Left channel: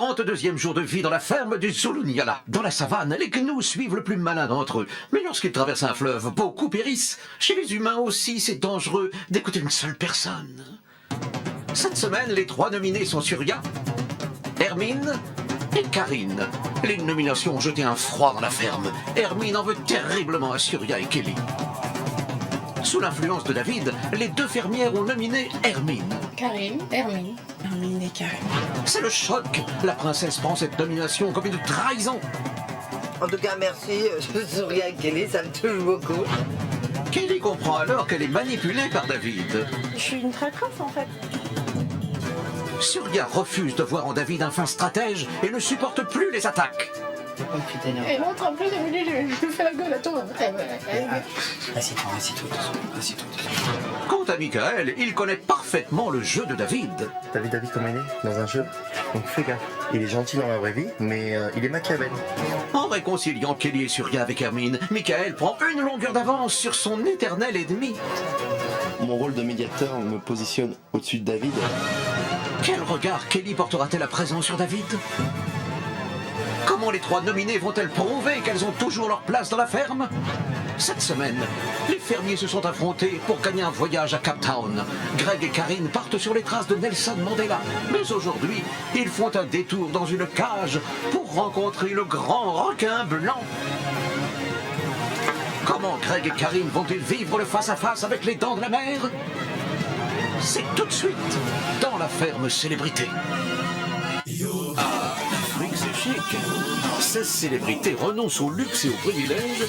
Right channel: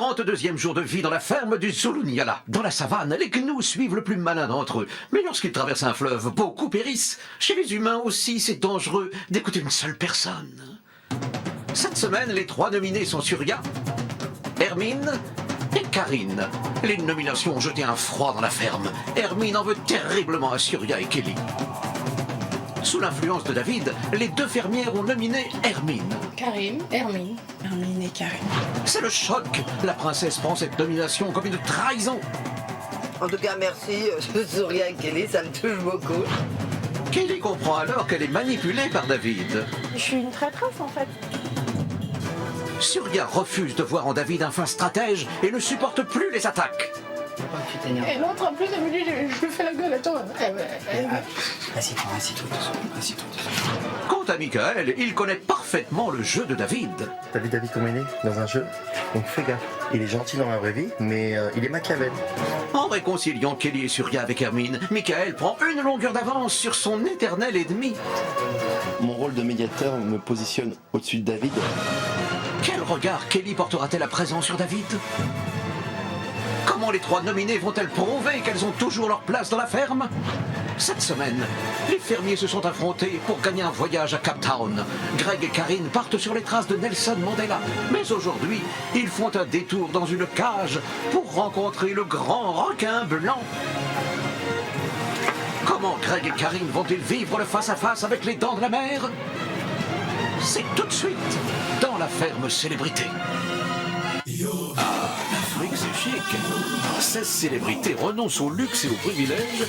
42e jour de vie dans la ferme du Zulunyala. Dans la savane, les gnous suivent le plus malin d'entre eux. Mais lorsqu'ils traversent un fleuve, beaucoup périssent. Chez les humains aussi, c'est dangereux d'écouter une seule personne. Cette semaine, les 3 nominés sont Surya, Hermine et Karine. Les nominations ont jeté un froid dans la ferme. Hermine en veut terriblement à Surya et Kelly. Sous l'influence de David, les 2 fermières ont nominé Hermine. Karine, Hermine. Hermine et Karine. C'est le choc. La princesse prend cette nomination comme une trahison. En tout cas, merci, Surya et Kelly, ça me touche beaucoup. Kelly comprend alors qu'elle est manipulée par David. Je suis une traîtresse en fait. Surya refuse de voir en David un fin stratège et ne supporte plus les attaques. Oh, tu t'énerves. Et l'autre en plus, elle me dit, je lui fais la gueule à toi. Assis-toi, assis-toi. Quant à Michael, il connaît parfaitement le jeu de David. T'as vu David comment il est dans un jeu? Donc fais gaffe. Il est gentil dans la vraie vie, mais il est Machiavel. En réconciliant Kelly et Surya avec Hermine, Michael prend une longueur d'avance sur son éternel ennemi. Mon rôle de médiateur me positionne au-dessus de David. Quel regard Kelly portera-t-elle à présent sur David? Comment les 3 nominées vont-elles prouver qu'elles ont toujours leur place dans la ferme? Cette semaine, les fermiers se sont affrontés pour gagner un voyage à Cape Town. Greg et Karine partent sur les traces de Nelson Mandela. Mais aujourd'hui, ils font un détour dans une cage pour rencontrer le grand requin blanc. Comment Greg et Karine vont-ils vivre le face-à-face avec les dents de la mer? C'est tout de suite dans la ferme célébrité. Ah, l'Afrique c'est chic. 16 célébrités renoncent au luxe et aux privilèges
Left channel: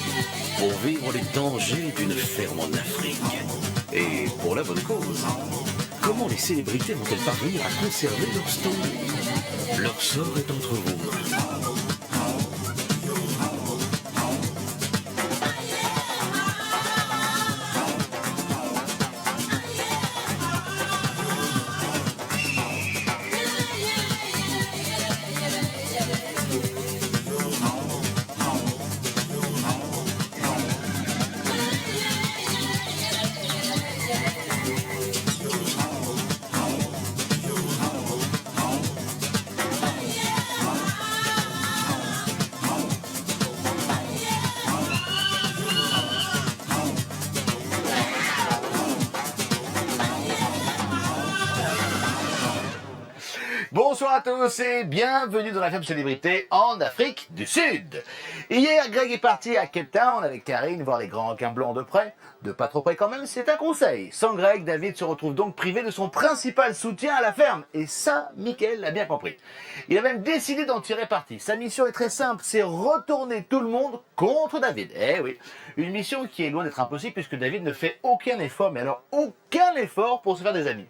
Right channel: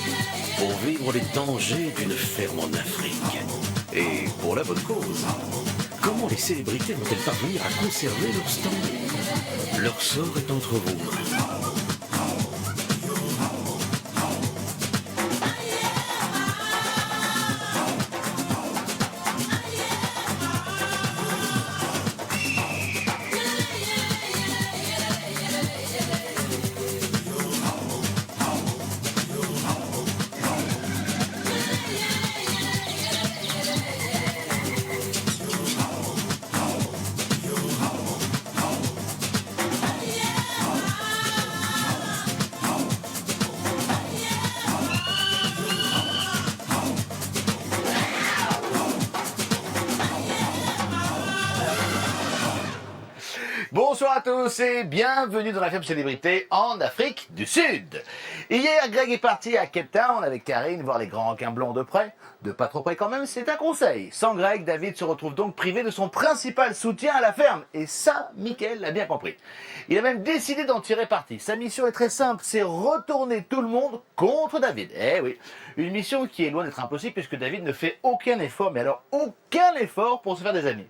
pour vivre les dangers d'une ferme en Afrique. Et pour la bonne cause. Comment les célébrités vont-elles parvenir à conserver leur stand? Leur sort est entre vos mains. Bonsoir à tous et bienvenue dans la ferme célébrité en Afrique du Sud. Hier, Greg est parti à Cape Town avec Karine voir les grands requins blancs de près. De pas trop près quand même, c'est un conseil. Sans Greg, David se retrouve donc privé de son principal soutien à la ferme. Et ça, Michael l'a bien compris. Il a même décidé d'en tirer parti. Sa mission est très simple, c'est retourner tout le monde contre David. Eh oui, une mission qui est loin d'être impossible puisque David ne fait aucun effort, mais alors aucun effort pour se faire des amis.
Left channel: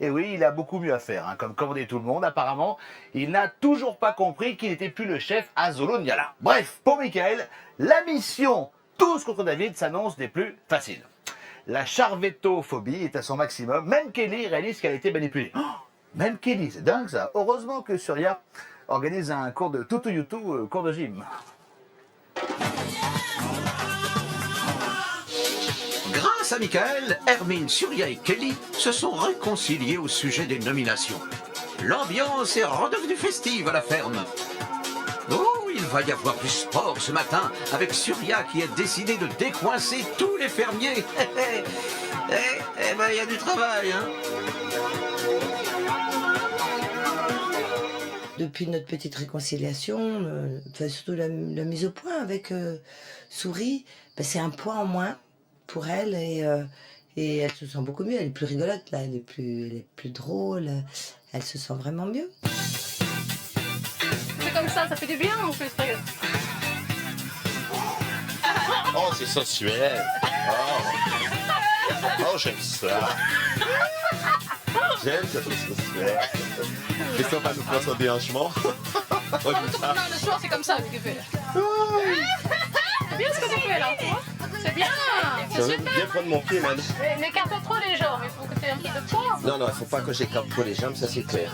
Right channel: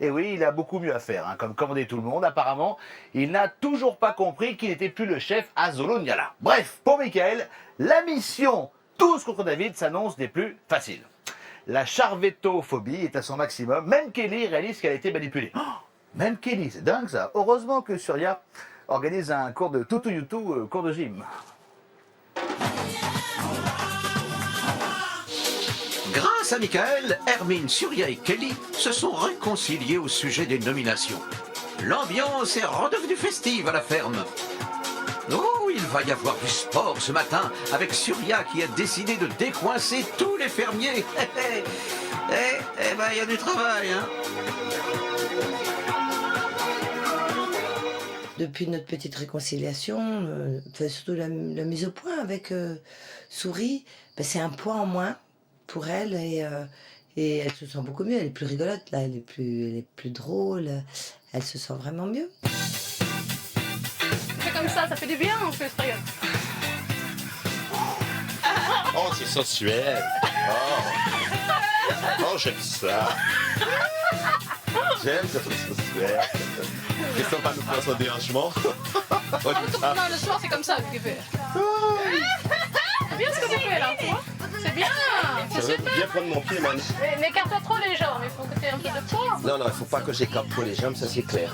Et oui, il a beaucoup mieux à faire, comme commander tout le monde. Apparemment, il n'a toujours pas compris qu'il n'était plus le chef à Zulunyala. Bref, pour Michael, la mission tous contre David s'annonce des plus faciles. La charvettophobie est à son maximum. Même Kelly réalise qu'elle a été manipulée. Oh, même Kelly, c'est dingue ça. Heureusement que Surya organise un cours de tutu-yutu, cours de gym. Grâce à Michael, Hermine, Surya et Kelly se sont réconciliés au sujet des nominations. L'ambiance est redevenue festive à la ferme. Oh, il va y avoir du sport ce matin avec Surya qui a décidé de décoincer tous les fermiers. Eh ben, il y a du travail, hein. Depuis notre petite réconciliation, surtout la mise au point avec Souris, c'est un point en moins pour elle et elle se sent beaucoup mieux. Elle est plus rigolote, là, elle est plus drôle, elle se sent vraiment mieux. C'est comme ça fait du bien en plus, regarde. Oh, c'est sensuel. Oh, j'aime ça. J'aime ça, c'est sensuel. Question pas nous faire son déhanchement. Non, le soir, c'est comme ça, lui, qui fait. C'est bien ce que tu fais, là, tu vois. C'est bien. Je veux bien prendre mon pied, man. N'écarte pas trop les jambes, il faut que tu aies un peu de poids. Non, il faut pas que j'écarte trop les jambes, ça c'est clair.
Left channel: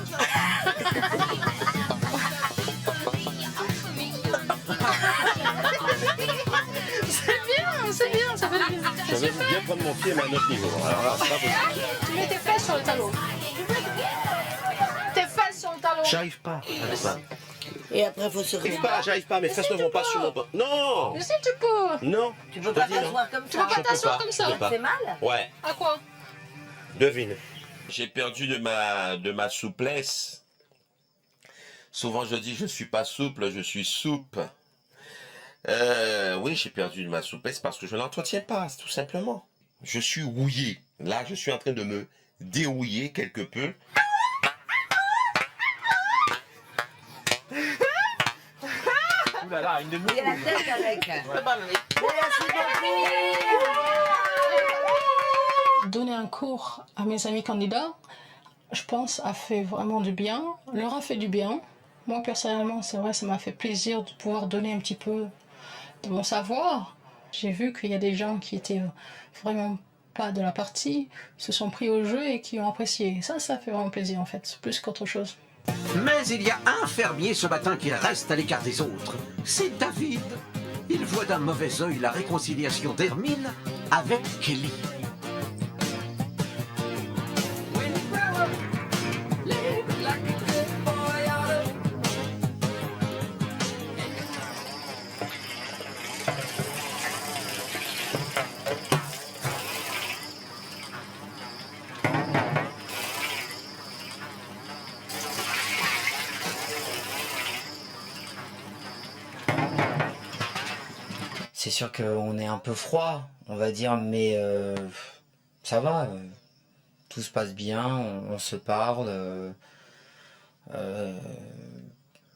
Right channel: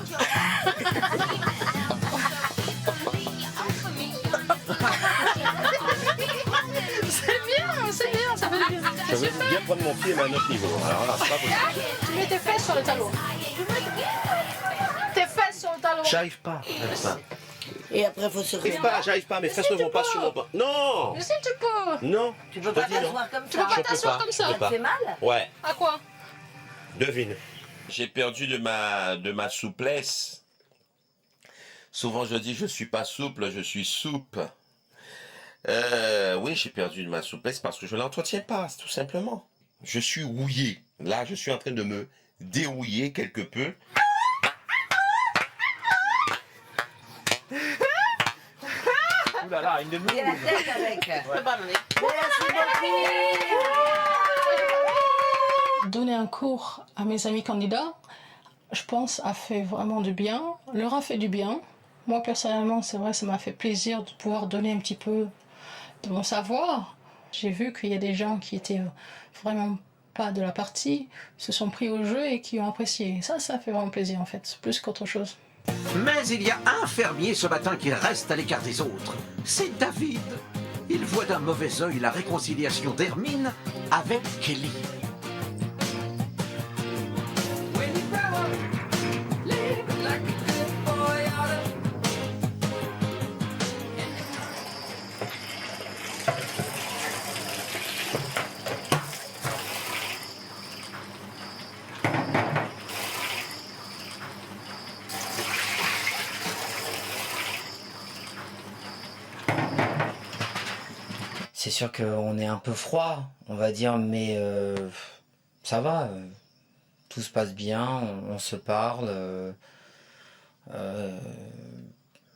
C'est bien, ça fait du bien. Je veux bien prendre mon pied, mais à un autre niveau. Alors là, c'est pas possible. Tu mets tes fesses sur le talon. Tes fesses sur le talon. J'arrive pas. Et après, il faut se J'arrive pas, j'arrive pas. Mes fesses ne vont pas sur mon... Non. Mais si tu peux. Non. Tu peux Je te pas dis non. t'asseoir comme Tu peux ça. pas Je peux t'asseoir pas, comme je ça. peux Ça pas. te fait mal? Ouais. À quoi? Devine. J'ai perdu de ma souplesse. Souvent, je dis je suis pas souple, je suis souple. Oui, j'ai perdu de ma souplesse parce que je l'entretiens pas, tout simplement. Je suis rouillé. Là, je suis en train de me dérouiller quelque peu. Ouh là là, une de Il y a la tête avec. Donner un cours à mes amis candidats, je pense, a fait vraiment du bien, leur a fait du bien. Moi, personnellement, c'est vrai, ça m'a fait plaisir de pouvoir donner un petit peu de mon savoir. J'ai vu qu'il y a des gens qui étaient vraiment pas de la partie, se sont pris au jeu et qui ont apprécié. Ça fait vraiment plaisir, en fait, plus qu'autre chose. Mais il y a un fermier ce matin qui reste à l'écart des autres. C'est David. Il voit d'un mauvais œil la réconciliation d'Hermine avec Kelly. C'est sûr qu'on est un peu froid, on va dire, mais ça va. Tout se passe bien, on se parle.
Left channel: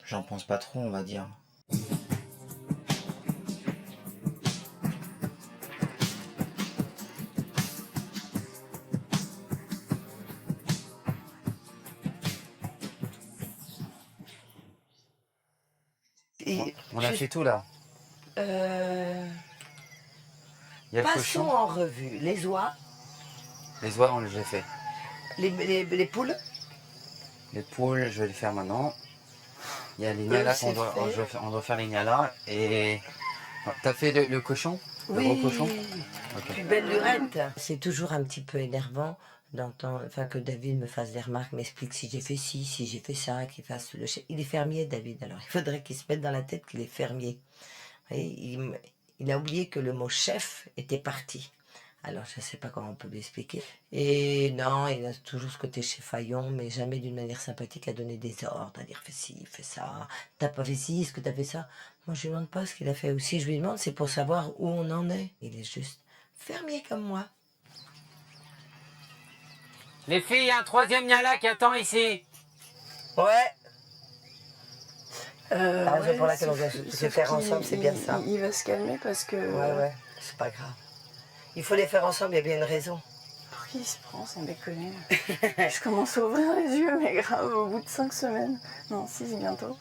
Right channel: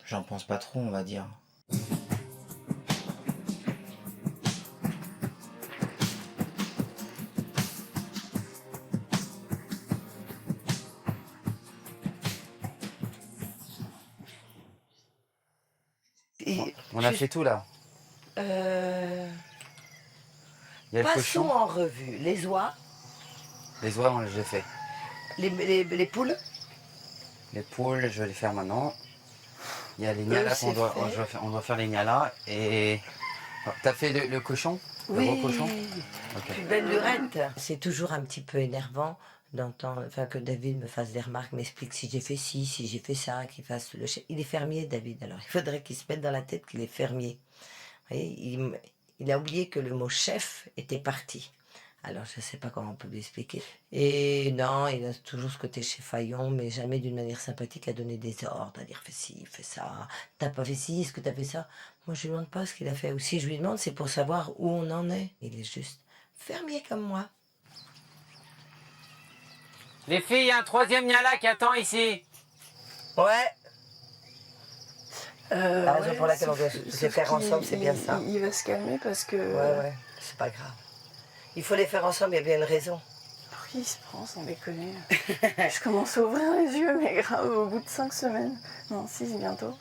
J'en pense pas trop, on va dire. On a fait tout là. Il y a le Passons cochon. en revue les oies, Les oies, j'ai fait. les poules. Les poules, je vais les faire maintenant. Il y a les nialas c'est fait. on doit faire les nialas. Et t'as fait le cochon? Le gros cochon? Ok. Plus belle lurette. C'est toujours un petit peu énervant d'entendre, enfin, que David me fasse des remarques, m'explique si j'ai fait ci, si j'ai fait ça, qu'il fasse le chef. Il est fermier, David, alors il faudrait qu'il se mette dans la tête qu'il est fermier. Vous voyez, il a oublié que le mot chef était parti. Alors, je ne sais pas comment on peut lui expliquer. Et non, il a toujours ce côté chefaillon, mais jamais d'une manière sympathique à donner des ordres, à dire fais ci, fais ça. T'as pas fait ci, est-ce que t'as fait ça? Moi, je lui demande pas ce qu'il a fait. Ou si je lui demande, c'est pour savoir où on en est. Il est juste fermier comme moi. Les filles, il y a un troisième niala qui attend ici. Ouais. La raison Ouais, pour laquelle on doit sauf se faire qu'il- ensemble, c'est bien ça. Il va se calmer parce que... Ouais, c'est pas grave. Il faut les faire ensemble, il y a bien une raison. Pour qui il se prend, sans déconner? Je commence à ouvrir les yeux, mais grave, au bout de 5 semaines. Non, 6 bientôt.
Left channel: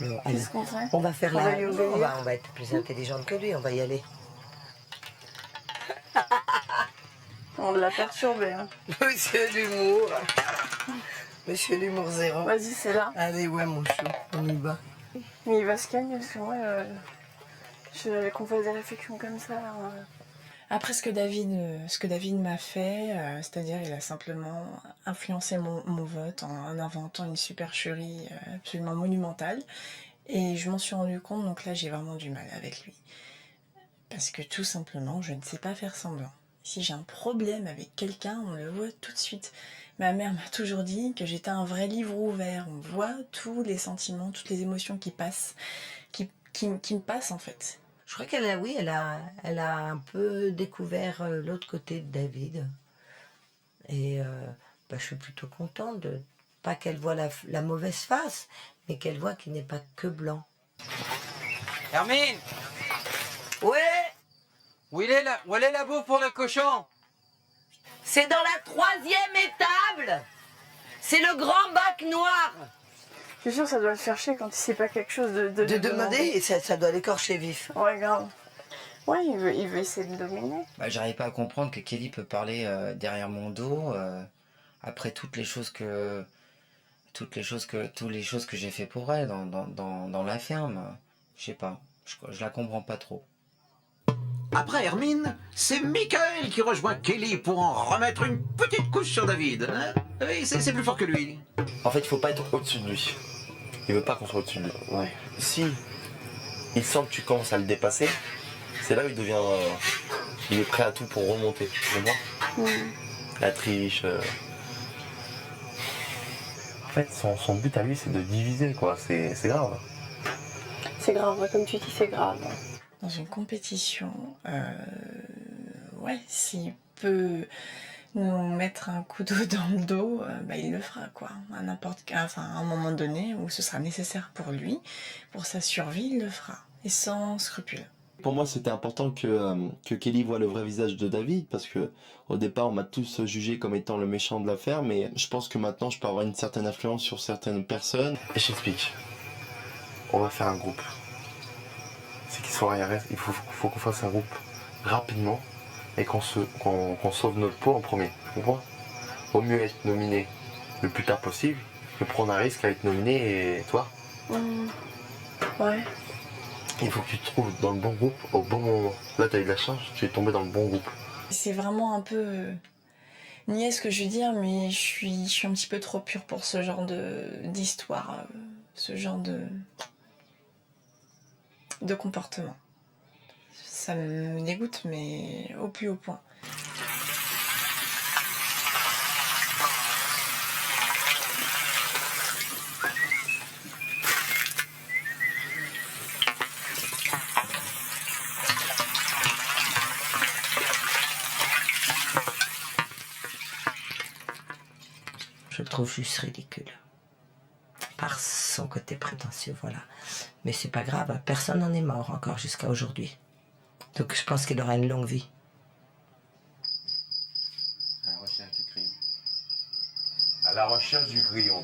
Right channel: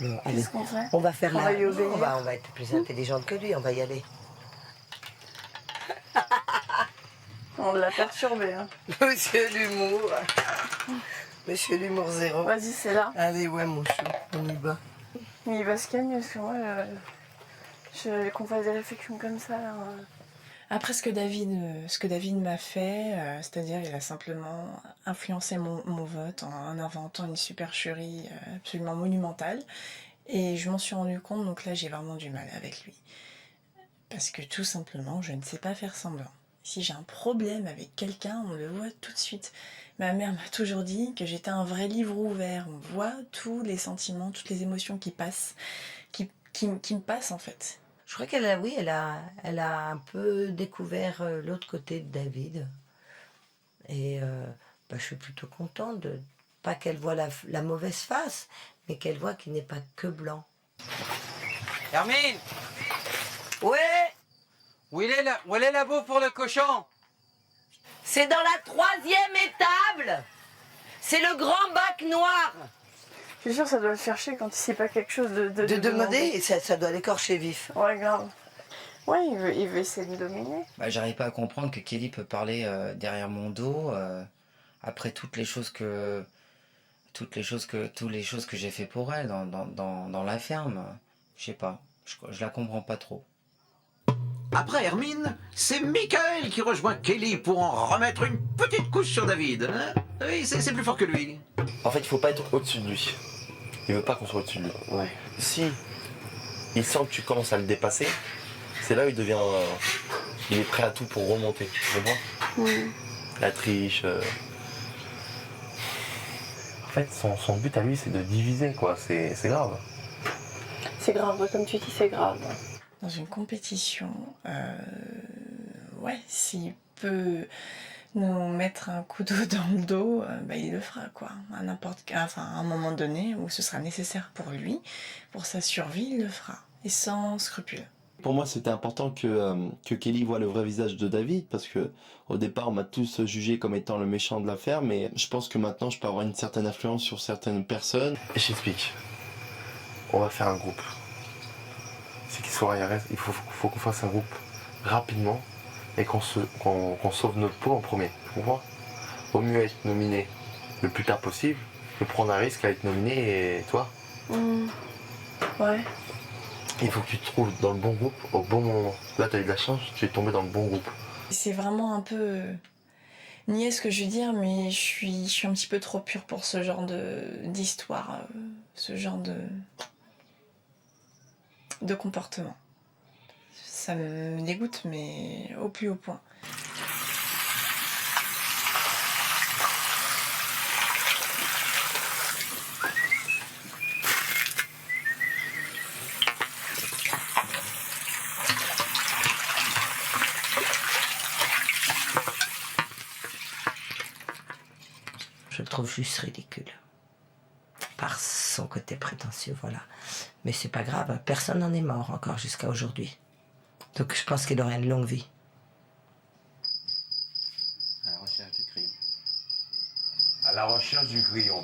Bon, allez, Qu'est-ce qu'on fait? on va faire On la... va lui obéir. on va être plus intelligente que lui, on va y aller. On l'a perturbé. Hein. Monsieur l'humour. Monsieur l'humour zéro. Vas-y, c'est là. Allez, ouais, mon chou, on y va. Mais il va se calmer parce que moi, qu'on fasse des réflexions comme ça. Là, Après, ce que David m'a fait, c'est-à-dire il a simplement influencé mon vote en inventant une supercherie absolument monumentale. Et je m'en suis rendu compte, donc là, j'ai vraiment du mal avec lui. Parce que tout simplement, je ne sais pas faire semblant. Si j'ai un problème avec quelqu'un, on le voit tout de suite. Ma mère m'a toujours dit que j'étais un vrai livre ouvert. On voit tous les sentiments, toutes les émotions qui passent, qui me passent en fait. Je crois qu'elle a un peu découvert l'autre côté de David. Et je suis plutôt contente de pas qu'elle voit la mauvaise face, mais qu'elle voit qu'il n'est pas que blanc. Hermine, Ouais, où est la bouffe pour le cochon? c'est dans la 3e étable. C'est le grand bac noir. Je suis sûre que ça doit le faire chier quand il sait pas quelque chose de De demander, ça doit l'écorcher vif. Ouais, grave. Ouais, il veut essayer de me dominer. J'arrive pas à comprendre que Kelly peut parler derrière mon dos après toutes les choses que j'ai fait pour elle dans la ferme. Je sais pas, je la comprends pas trop. Après Hermine, c'est Michael qui rejoint Kelly pour en remettre une petite couche sur David. Hein? Oui, c'est plus fort que lui. En fait, il faut pas être au-dessus de lui. Il veut pas qu'on soit au-dessus de lui. Ouais. Si il sent que tu commences à le dépasser, c'est là où il devient... il est prêt à tout pour remonter, tu comprends? La triche... En fait, son but à lui, c'est de diviser, quoi. C'est grave. C'est grave, comme tu dis, c'est grave. Dans une compétition, ouais, s'il peut nous mettre un couteau dans le dos, il le fera, quoi. À un moment donné où ce sera nécessaire pour lui, pour sa survie, il le fera. Et sans scrupule. Pour moi, c'était important que Kelly voit le vrai visage de David, parce que au départ, on m'a tous jugé comme étant le méchant de l'affaire, mais je pense que maintenant, je peux avoir une certaine influence sur certaines personnes. Je t'explique. On va faire un groupe. C'est qu'il soit IRS, il faut qu'on fasse un groupe rapidement et qu'on sauve notre peau en premier. Tu comprends? Vaut mieux être nominé le plus tard possible que prendre un risque à être nominé et toi. Ouais. Il faut que tu te trouves dans le bon groupe au bon moment. Là, tu as eu de la chance, tu es tombé dans le bon groupe. C'est vraiment un peu niais ce que je veux dire, mais je suis un petit peu trop pure pour ce genre d'histoire, ce genre de comportement. Ça me dégoûte, mais au plus haut point. Je le trouve juste ridicule. Par son côté prétentieux, voilà. Mais c'est pas grave, personne n'en est mort encore jusqu'à aujourd'hui. Donc je pense qu'il aura une longue vie. À la recherche du crayon. À la recherche du grillon.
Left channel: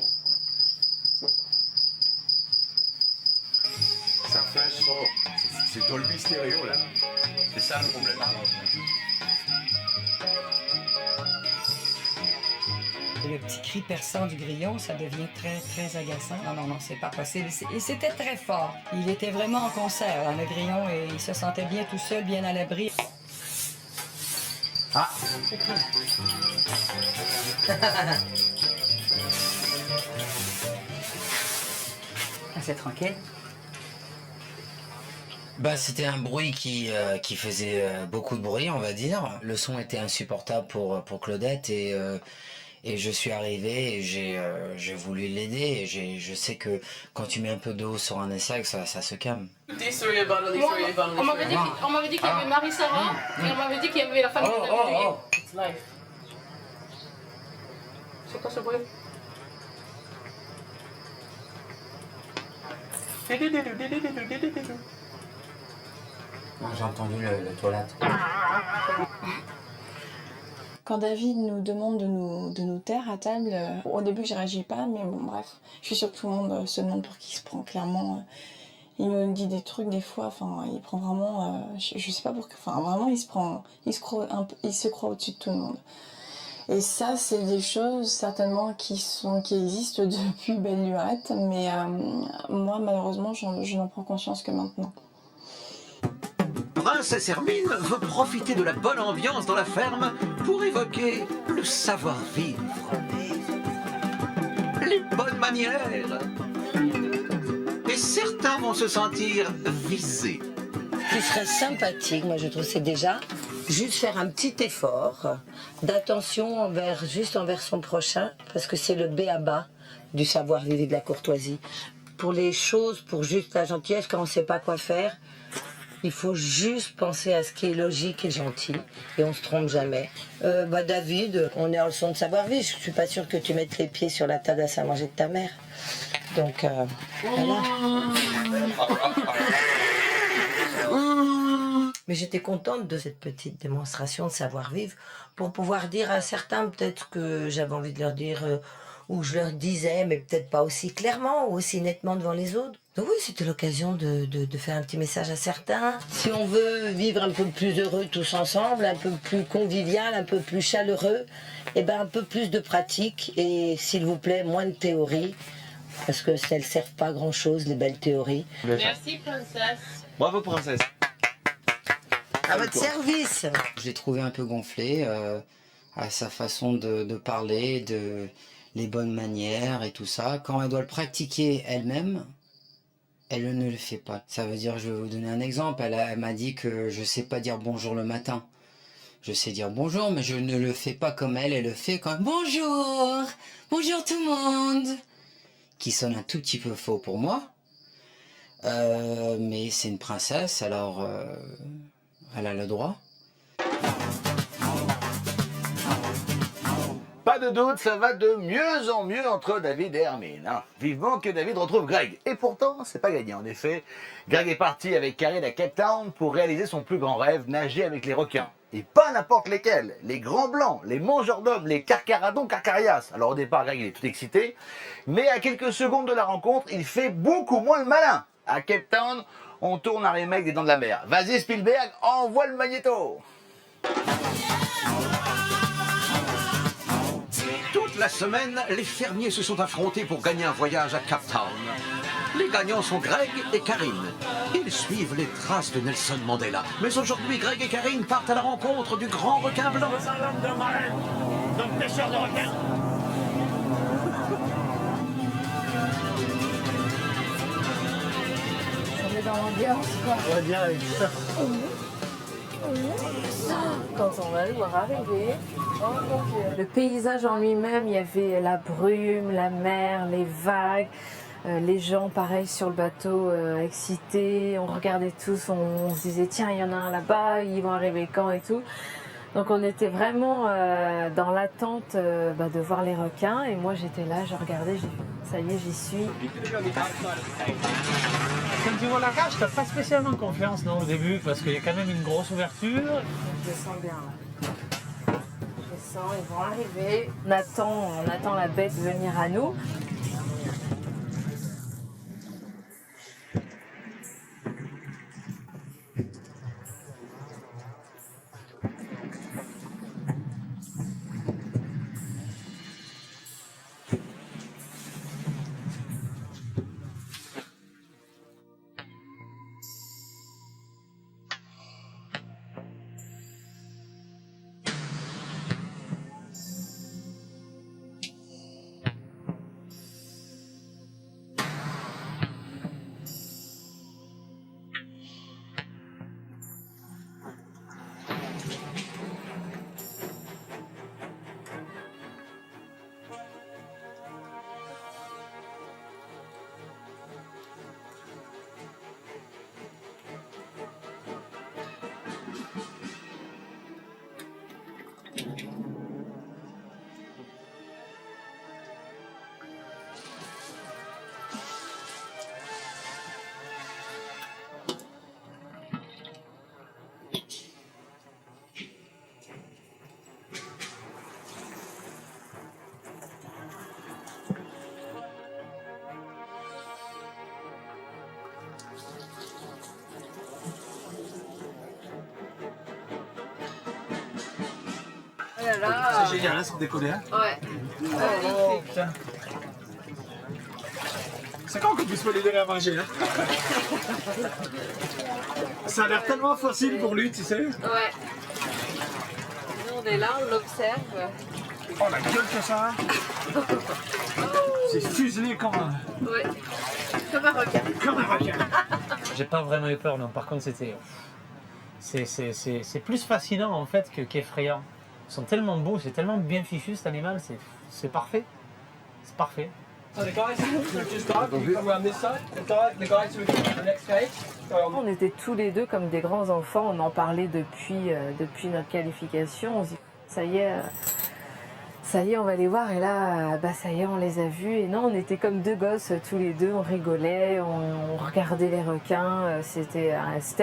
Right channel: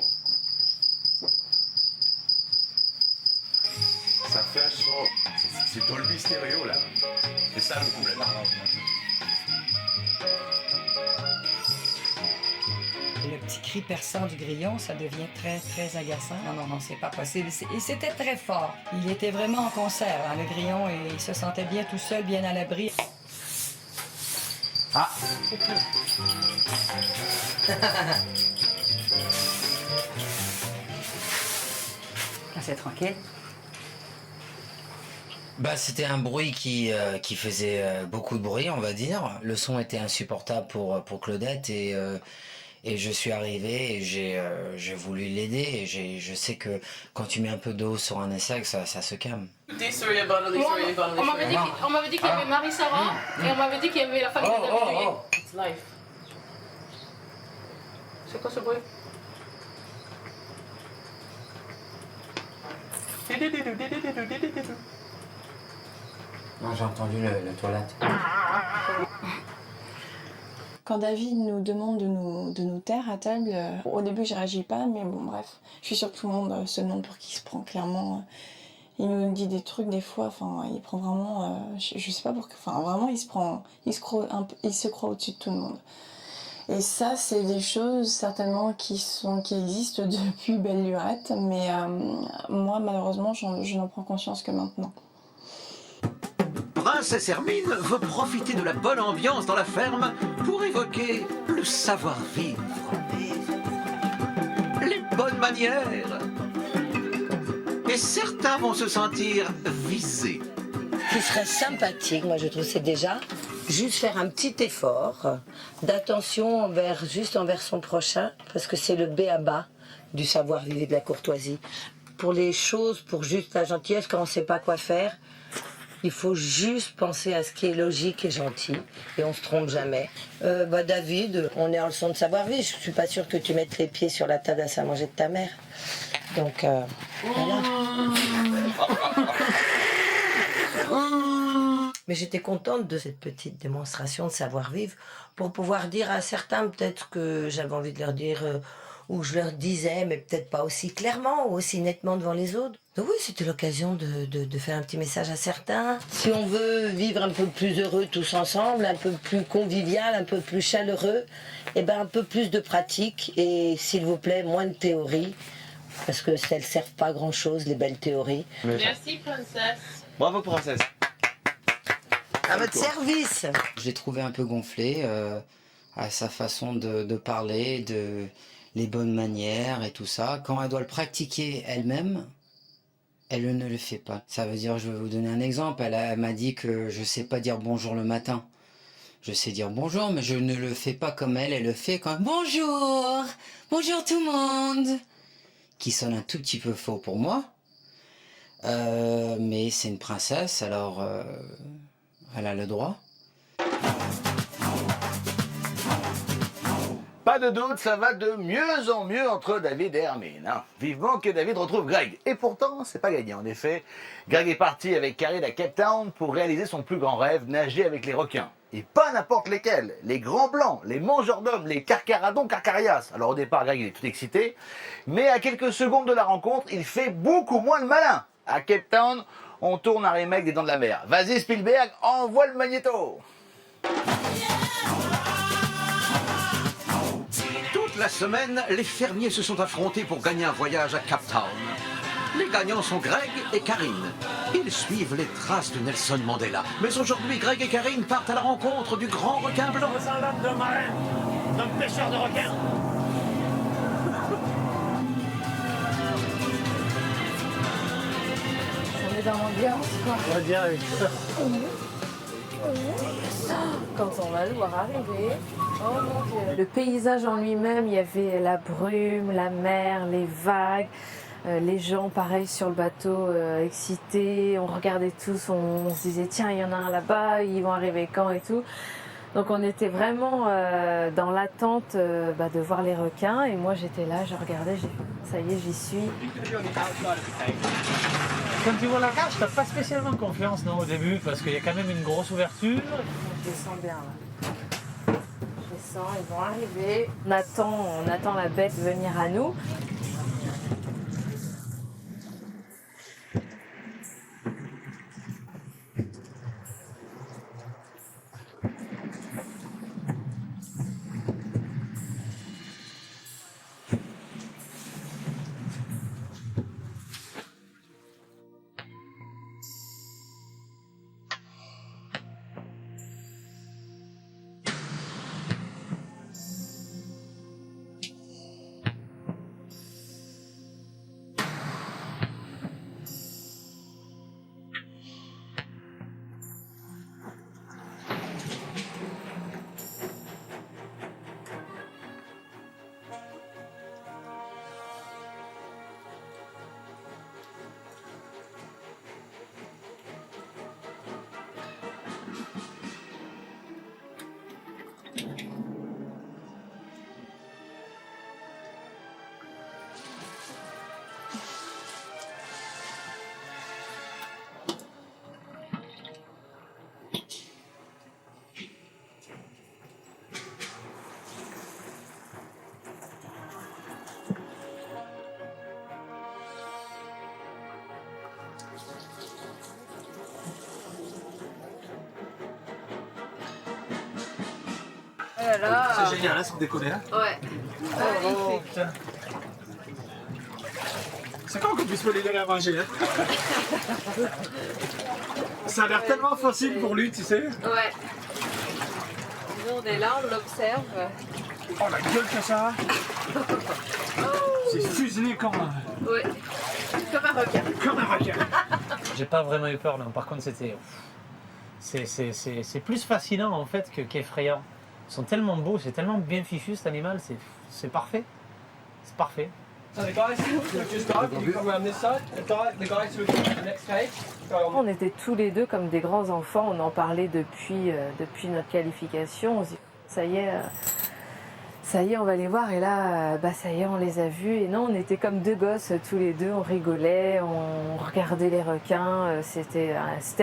Ça fait un son. C'est Dolby Stereo là. C'est ça le problème. Le petit cri perçant du grillon, ça devient très, très agaçant. Non, c'est pas possible. Et c'était très fort. Il était vraiment en concert, hein, le grillon, et il se sentait bien tout seul, bien à l'abri. Ah! C'est tranquille. C'était un bruit qui faisait beaucoup de bruit, on va dire. Le son était insupportable pour Claudette et je suis arrivé et j'ai voulu l'aider. Et je sais que quand tu mets un peu d'eau sur un insecte, ça se calme. On m'avait dit qu'il y avait Marie-Sarah et on m'avait dit qu'il y avait la famille de David. It's life. C'est quoi ce bruit? Non, j'ai entendu la toilette. Quand David nous demande de nous taire à table, au début je réagis pas, mais bon bref, je suis sûre que tout le monde se demande pour qui il se prend, clairement. Il nous dit des trucs des fois, enfin il prend vraiment, je sais pas pourquoi, enfin vraiment il se croit au-dessus de tout le monde. Et ça c'est des choses certainement qui existent depuis belle lurette, mais moi malheureusement je n'en prends conscience que maintenant. Princesse Hermine veut profiter de la bonne ambiance dans la ferme pour évoquer le savoir-vivre, les bonnes manières. Et certains vont se sentir visés. Ce qui serait sympathique, moi je trouve, c'est déjà juste faire un petit effort d'attention envers son prochain, parce que c'est le b.a.-ba du savoir-vivre et de la courtoisie. Pour les choses, pour juste la gentillesse, quand on ne sait pas quoi faire, il faut juste penser à ce qui est logique et gentil, et on se trompe jamais. David, on est en leçon de savoir-vivre. Je suis pas sûre que tu mettes les pieds sur la table à manger de ta mère. Donc, voilà. Mais j'étais contente de cette petite démonstration de savoir-vivre pour pouvoir dire à certains peut-être que j'avais envie de leur dire, ou je leur disais, mais peut-être pas aussi clairement ou aussi nettement devant les autres. Donc oui, c'était l'occasion de faire un petit message à certains. Si on veut vivre un peu plus heureux tous ensemble, un peu plus convivial, un peu plus chaleureux, un peu plus de pratique et s'il vous plaît, moins de théorie, parce que ça ne servent pas à grand-chose, les belles théories. Merci, princesse. Bravo, princesse. À votre service. Je l'ai trouvé un peu gonflé à sa façon de parler, les bonnes manières et tout ça. Quand elle doit le pratiquer elle-même, elle ne le fait pas. Ça veut dire, je vais vous donner un exemple. Elle m'a dit que je sais pas dire bonjour le matin. Je sais dire bonjour, mais je ne le fais pas comme elle. Elle le fait quand bonjour, bonjour tout le monde, qui sonne un tout petit peu faux pour moi. Mais c'est une princesse, alors elle a le droit. Pas de doute, ça va de mieux en mieux entre David et Hermine. Hein. Vivement que David retrouve Greg. Et pourtant, c'est pas gagné. En effet, Greg est parti avec Karine à Cape Town pour réaliser son plus grand rêve, nager avec les requins. Et pas n'importe lesquels. Les grands blancs, les mangeurs d'hommes, les carcaradons carcarias. Alors au départ, Greg, il est tout excité. Mais à quelques secondes de la rencontre, il fait beaucoup moins le malin. À Cape Town, on tourne un remake des Dents de la Mer. Vas-y Spielberg, envoie le magnéto. Toute la semaine, les fermiers se sont affrontés pour gagner un voyage à Cape Town. Les gagnants sont Greg et Karine. Ils suivent les traces de Nelson Mandela. Mais aujourd'hui, Greg et Karine partent à la rencontre du grand requin blanc. Je sens l'âme d'un marin, d'un pêcheur de requins. Ça met dans l'ambiance, quoi. On va bien avec ça. Quand on va le voir arriver, oh mon Dieu. Le paysage en lui-même, il y avait la brume, la mer, les vagues, les gens pareil sur le bateau excités. On regardait tous, on se disait tiens, il y en a un là-bas, ils vont arriver quand et tout. Donc on était vraiment dans l'attente de voir les requins et moi j'étais là, je regardais, ça y est, j'y suis. Quand tu vois la cage, t'as pas spécialement confiance non, au début parce qu'il y a quand même une grosse ouverture. Je les sens bien là. Je les sens, ils vont arriver. On attend la bête venir à nous. C'est génial, hein, sans déconner. Hein. Ouais. Magnifique. C'est quand qu'on puisse me les donner à manger. Hein. Ça a l'air tellement facile pour lui, tu sais. Ouais. Nous on est là, on l'observe. Oh la gueule que ça a. C'est fuselé comme un... Ouais. Comme un requin. Comme un requin. J'ai pas vraiment eu peur, non. Par contre, c'était... C'est plus fascinant, en fait, qu'effrayant. Ils sont tellement beaux, c'est tellement bien fichu, cet animal. C'est parfait. C'est parfait. On était tous les deux comme des grands enfants, on en parlait depuis notre qualification. On se dit, ça y est, on va les voir. Et là, ça y est, on les a vus. Et non, on était comme deux gosses tous les deux, on rigolait, on regardait les requins. C'était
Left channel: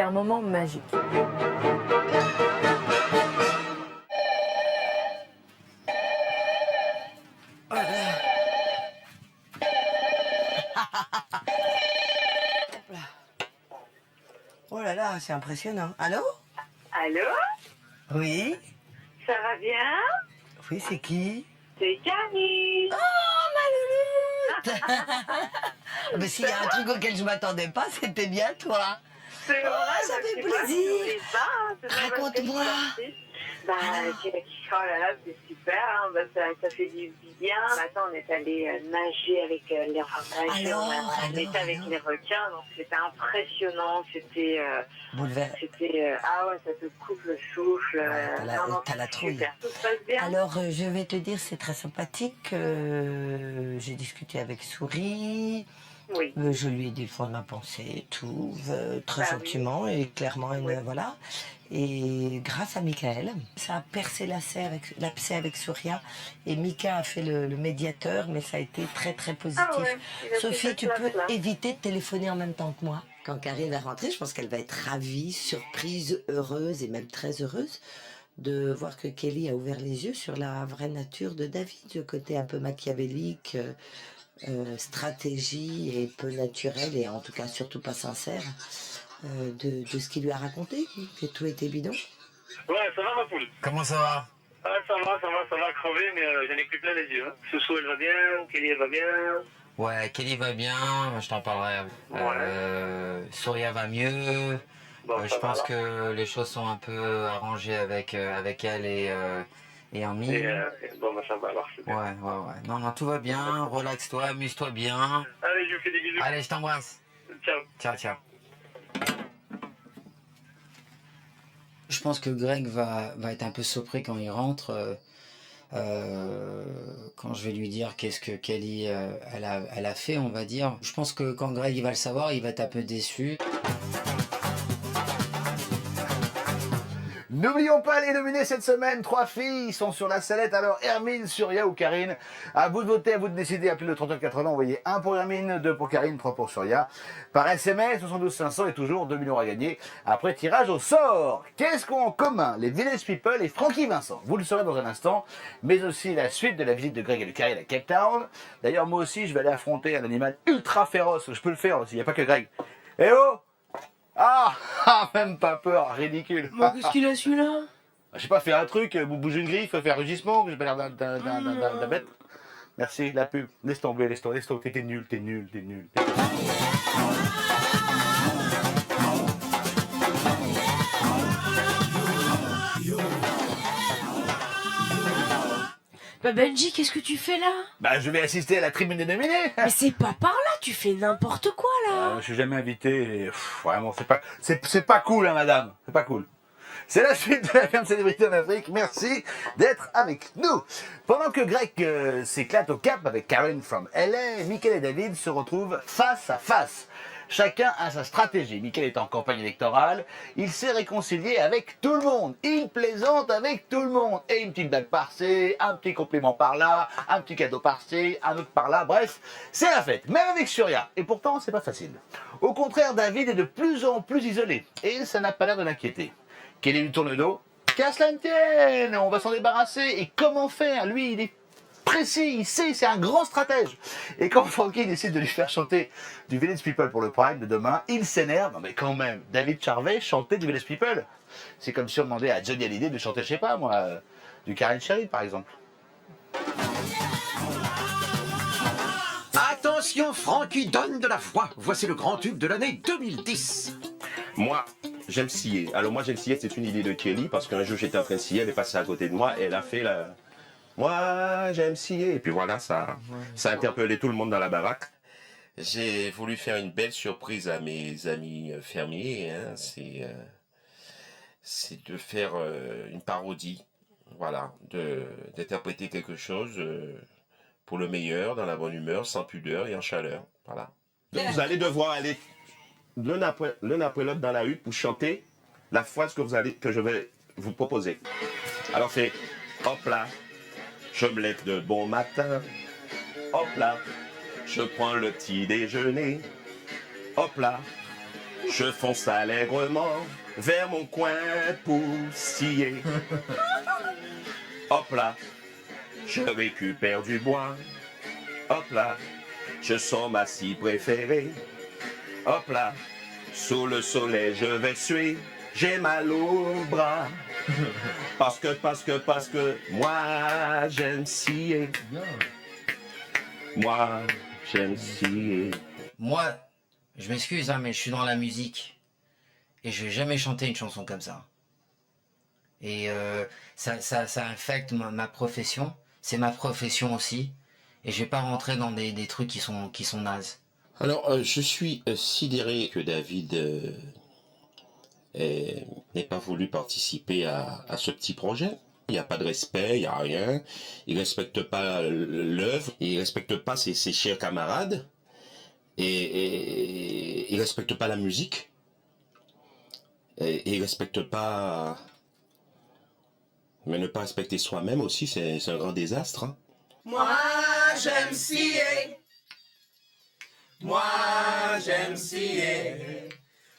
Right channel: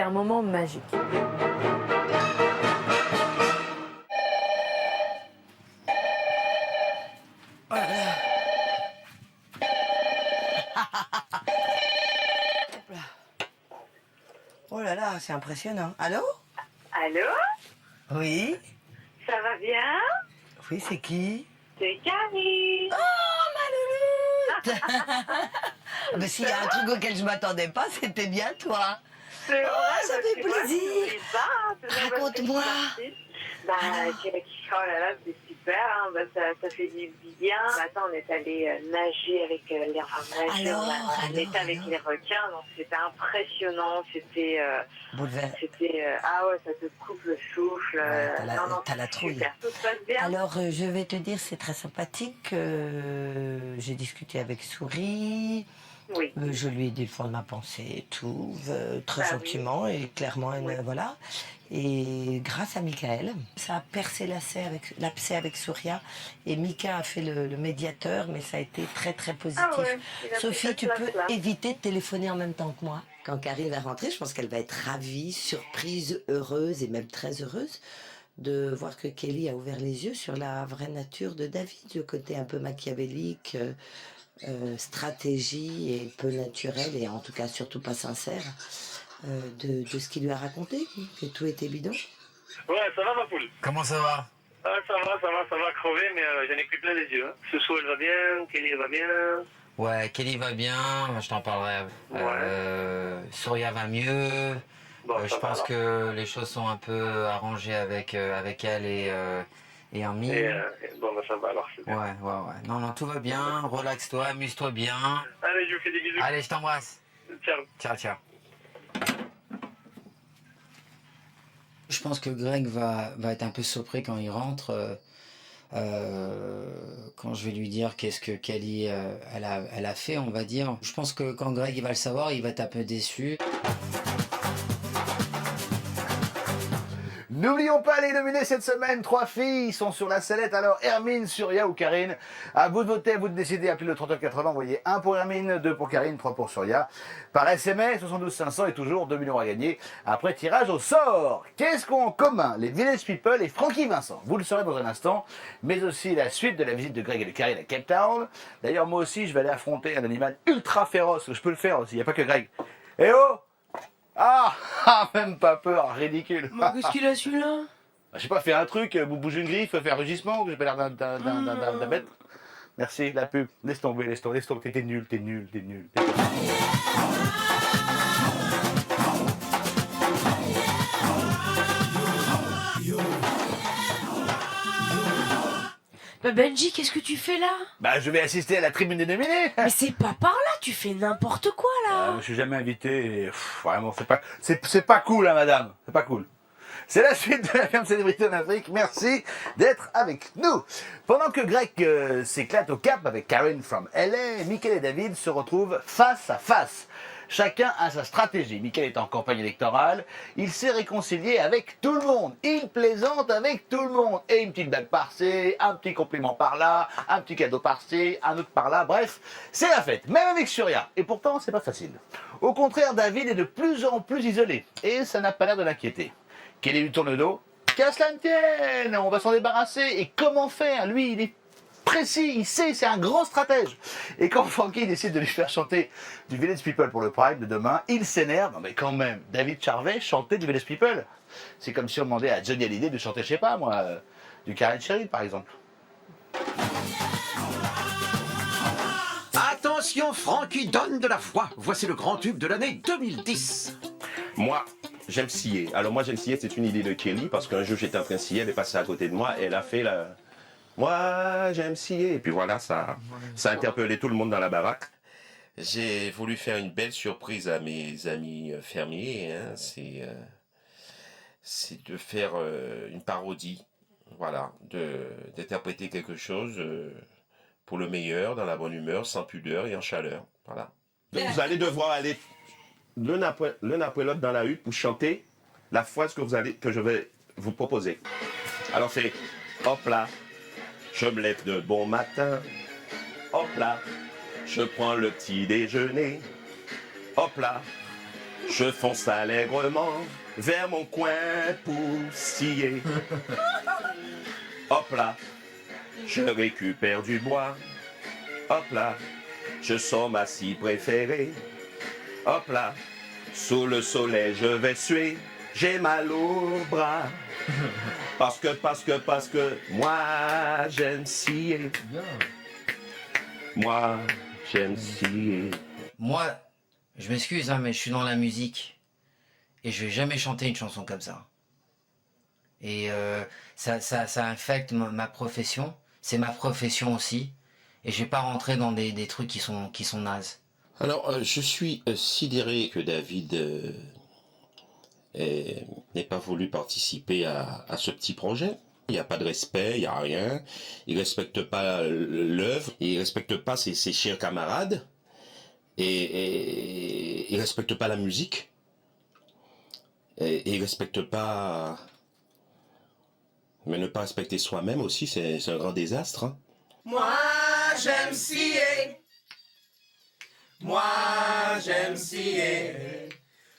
un moment magique. Oh là là, c'est impressionnant. Allô? Allô? Oui? Ça va bien? Oui, c'est qui? C'est Karine. Oh, ma louloute! Mais s'il y a un truc auquel je m'attendais pas, c'était bien toi. C'est vrai, ça bah, fait tu vois, plaisir. t'oublies pas, hein, c'est normal que tu Raconte-moi. participes. Bah, oh là là, c'est super, hein. Bah, ça fait du bien. Attends, on est allé nager avec les nager, on était avec les requins, donc c'était impressionnant, c'était ah ouais, ça te coupe le souffle. T'as la trouille. Super, tout se passe bien. Alors, je vais te dire, c'est très sympathique. J'ai discuté avec Souris. Oui. Je lui ai dit le fond de ma pensée, et tout, très Bah gentiment et clairement, voilà. Et grâce à Michael, ça a percé l'abcès avec Souria. Et Mika a fait le médiateur, mais ça a été très, très positif. Ah ouais, il a pris Sophie, cette tu peux place-là. éviter de téléphoner en même temps que moi. Quand Karine va rentrer, je pense qu'elle va être ravie, surprise, heureuse et même très heureuse de voir que Kelly a ouvert les yeux sur la vraie nature de David, le côté un peu machiavélique, stratégie et peu naturel, et en tout cas surtout pas sincère, de ce qu'il lui a raconté, que tout était bidon. Ouais, ça va ma poule? Comment ça va? Ah, ça va crever, mais j'en ai pris plein les yeux. Hein. Soussou, elle va bien, Kelly, elle va bien. Ouais, Kelly va bien, je t'en parlerai. Souria va mieux. Bon, Je pense que les choses sont un peu arrangées avec elle et Armin. Bon, bah ça va alors, c'est bien. Ouais. Non, tout va bien, relaxe-toi, amuse-toi bien. Allez, je vous fais des bisous. Allez, je t'embrasse. Ciao. Ciao. Je pense que Greg va être un peu surpris quand il rentre, quand je vais lui dire qu'est-ce que Kelly elle a fait, on va dire. Je pense que quand Greg il va le savoir, il va être un peu déçu. N'oublions pas les nominés cette semaine. 3 filles sont sur la sellette. Alors, Hermine, Surya ou Karine. À vous de voter, à vous de décider. Appelez le 3980. Envoyez 1 pour Hermine, 2 pour Karine, 3 pour Surya. Par SMS, 72 500 et toujours 2 millions à gagner. Après tirage au sort. Qu'est-ce qu'ont en commun les Village People et Francky Vincent? Vous le saurez dans un instant. Mais aussi la suite de la visite de Greg et de Karine à Cape Town. D'ailleurs, moi aussi, je vais aller affronter un animal ultra féroce. Je peux le faire aussi. Il n'y a pas que Greg. Eh oh! Même pas peur, ridicule. Mais qu'est-ce qu'il a celui-là? Je sais pas, fais un truc, bouge une griffe, fais un rugissement, que j'ai pas l'air d'un bête. Merci, la pub. Laisse tomber. T'es nul. Bah Benji, qu'est-ce que tu fais là? Bah, je vais assister à la tribune des nominés. Mais c'est pas par là, tu fais n'importe quoi là. Je suis jamais invité. Et, vraiment, c'est pas cool, hein, madame. C'est pas cool. C'est la suite de la ferme célébrité en Afrique. Merci d'être avec nous. Pendant que Greg s'éclate au Cap avec Karen from LA, Michael et David se retrouvent face à face. Chacun a sa stratégie. Michael est en campagne électorale. Il s'est réconcilié avec tout le monde. Il plaisante avec tout le monde. Et une petite blague par-ci, un petit compliment par-là, un petit cadeau par-ci, un autre par-là. Bref, c'est la fête, même avec Surya. Et pourtant, c'est pas facile. Au contraire, David est de plus en plus isolé. Et ça n'a pas l'air de l'inquiéter. Kelly lui tourne le dos. Qu'à cela ne tienne, on va s'en débarrasser. Et comment faire? Lui, il est précis, il sait, c'est un grand stratège. Et quand Francky décide de lui faire chanter du Village People pour le Prime de demain, il s'énerve. Non mais quand même, David Charvet chanter du Village People. C'est comme si on demandait à Johnny Hallyday de chanter, je sais pas moi, du Karen Cheryl par exemple. Attention, Francky donne de la voix. Voici le grand tube de l'année 2010. Moi, j'aime scier. Alors moi, j'aime scier, c'est une idée de Kelly, parce qu'un jour, j'étais en train de scier, elle est passée à côté de moi, et elle a fait la... Moi, j'aime scier. Et puis voilà, ça a interpellé tout le monde dans la baraque. J'ai voulu faire une belle surprise à mes amis fermiers. Hein. C'est de faire une parodie, voilà, d'interpréter quelque chose pour le meilleur, dans la bonne humeur, sans pudeur et en chaleur. Voilà. Donc, vous allez devoir aller l'un après l'autre dans la hutte pour chanter la phrase que je vais vous proposer. Alors c'est hop là, je me lève de bon matin, hop là, je prends le petit déjeuner, hop là, je fonce allègrement vers mon coin pour scier. Hop là, je récupère du bois, hop là, je sors ma scie préférée. Hop là, sous le soleil je vais suer, j'ai mal au bras. Parce que moi j'aime scier. Moi j'aime scier. Moi, je m'excuse, hein, mais je suis dans la musique. Et je vais jamais chanter une chanson comme ça. Et ça affecte ma profession. C'est ma profession aussi. Et je vais pas rentrer dans des trucs qui sont nazes. Alors, je suis sidéré que David n'ait pas voulu participer à ce petit projet. Il n'y a pas de respect, il n'y a rien. Il ne respecte pas l'œuvre, il ne respecte pas ses chers camarades, et il ne respecte pas la musique, et il ne respecte pas... Mais ne pas respecter soi-même aussi, c'est un grand désastre. Hein. Moi, j'aime scier. Moi, j'aime scier.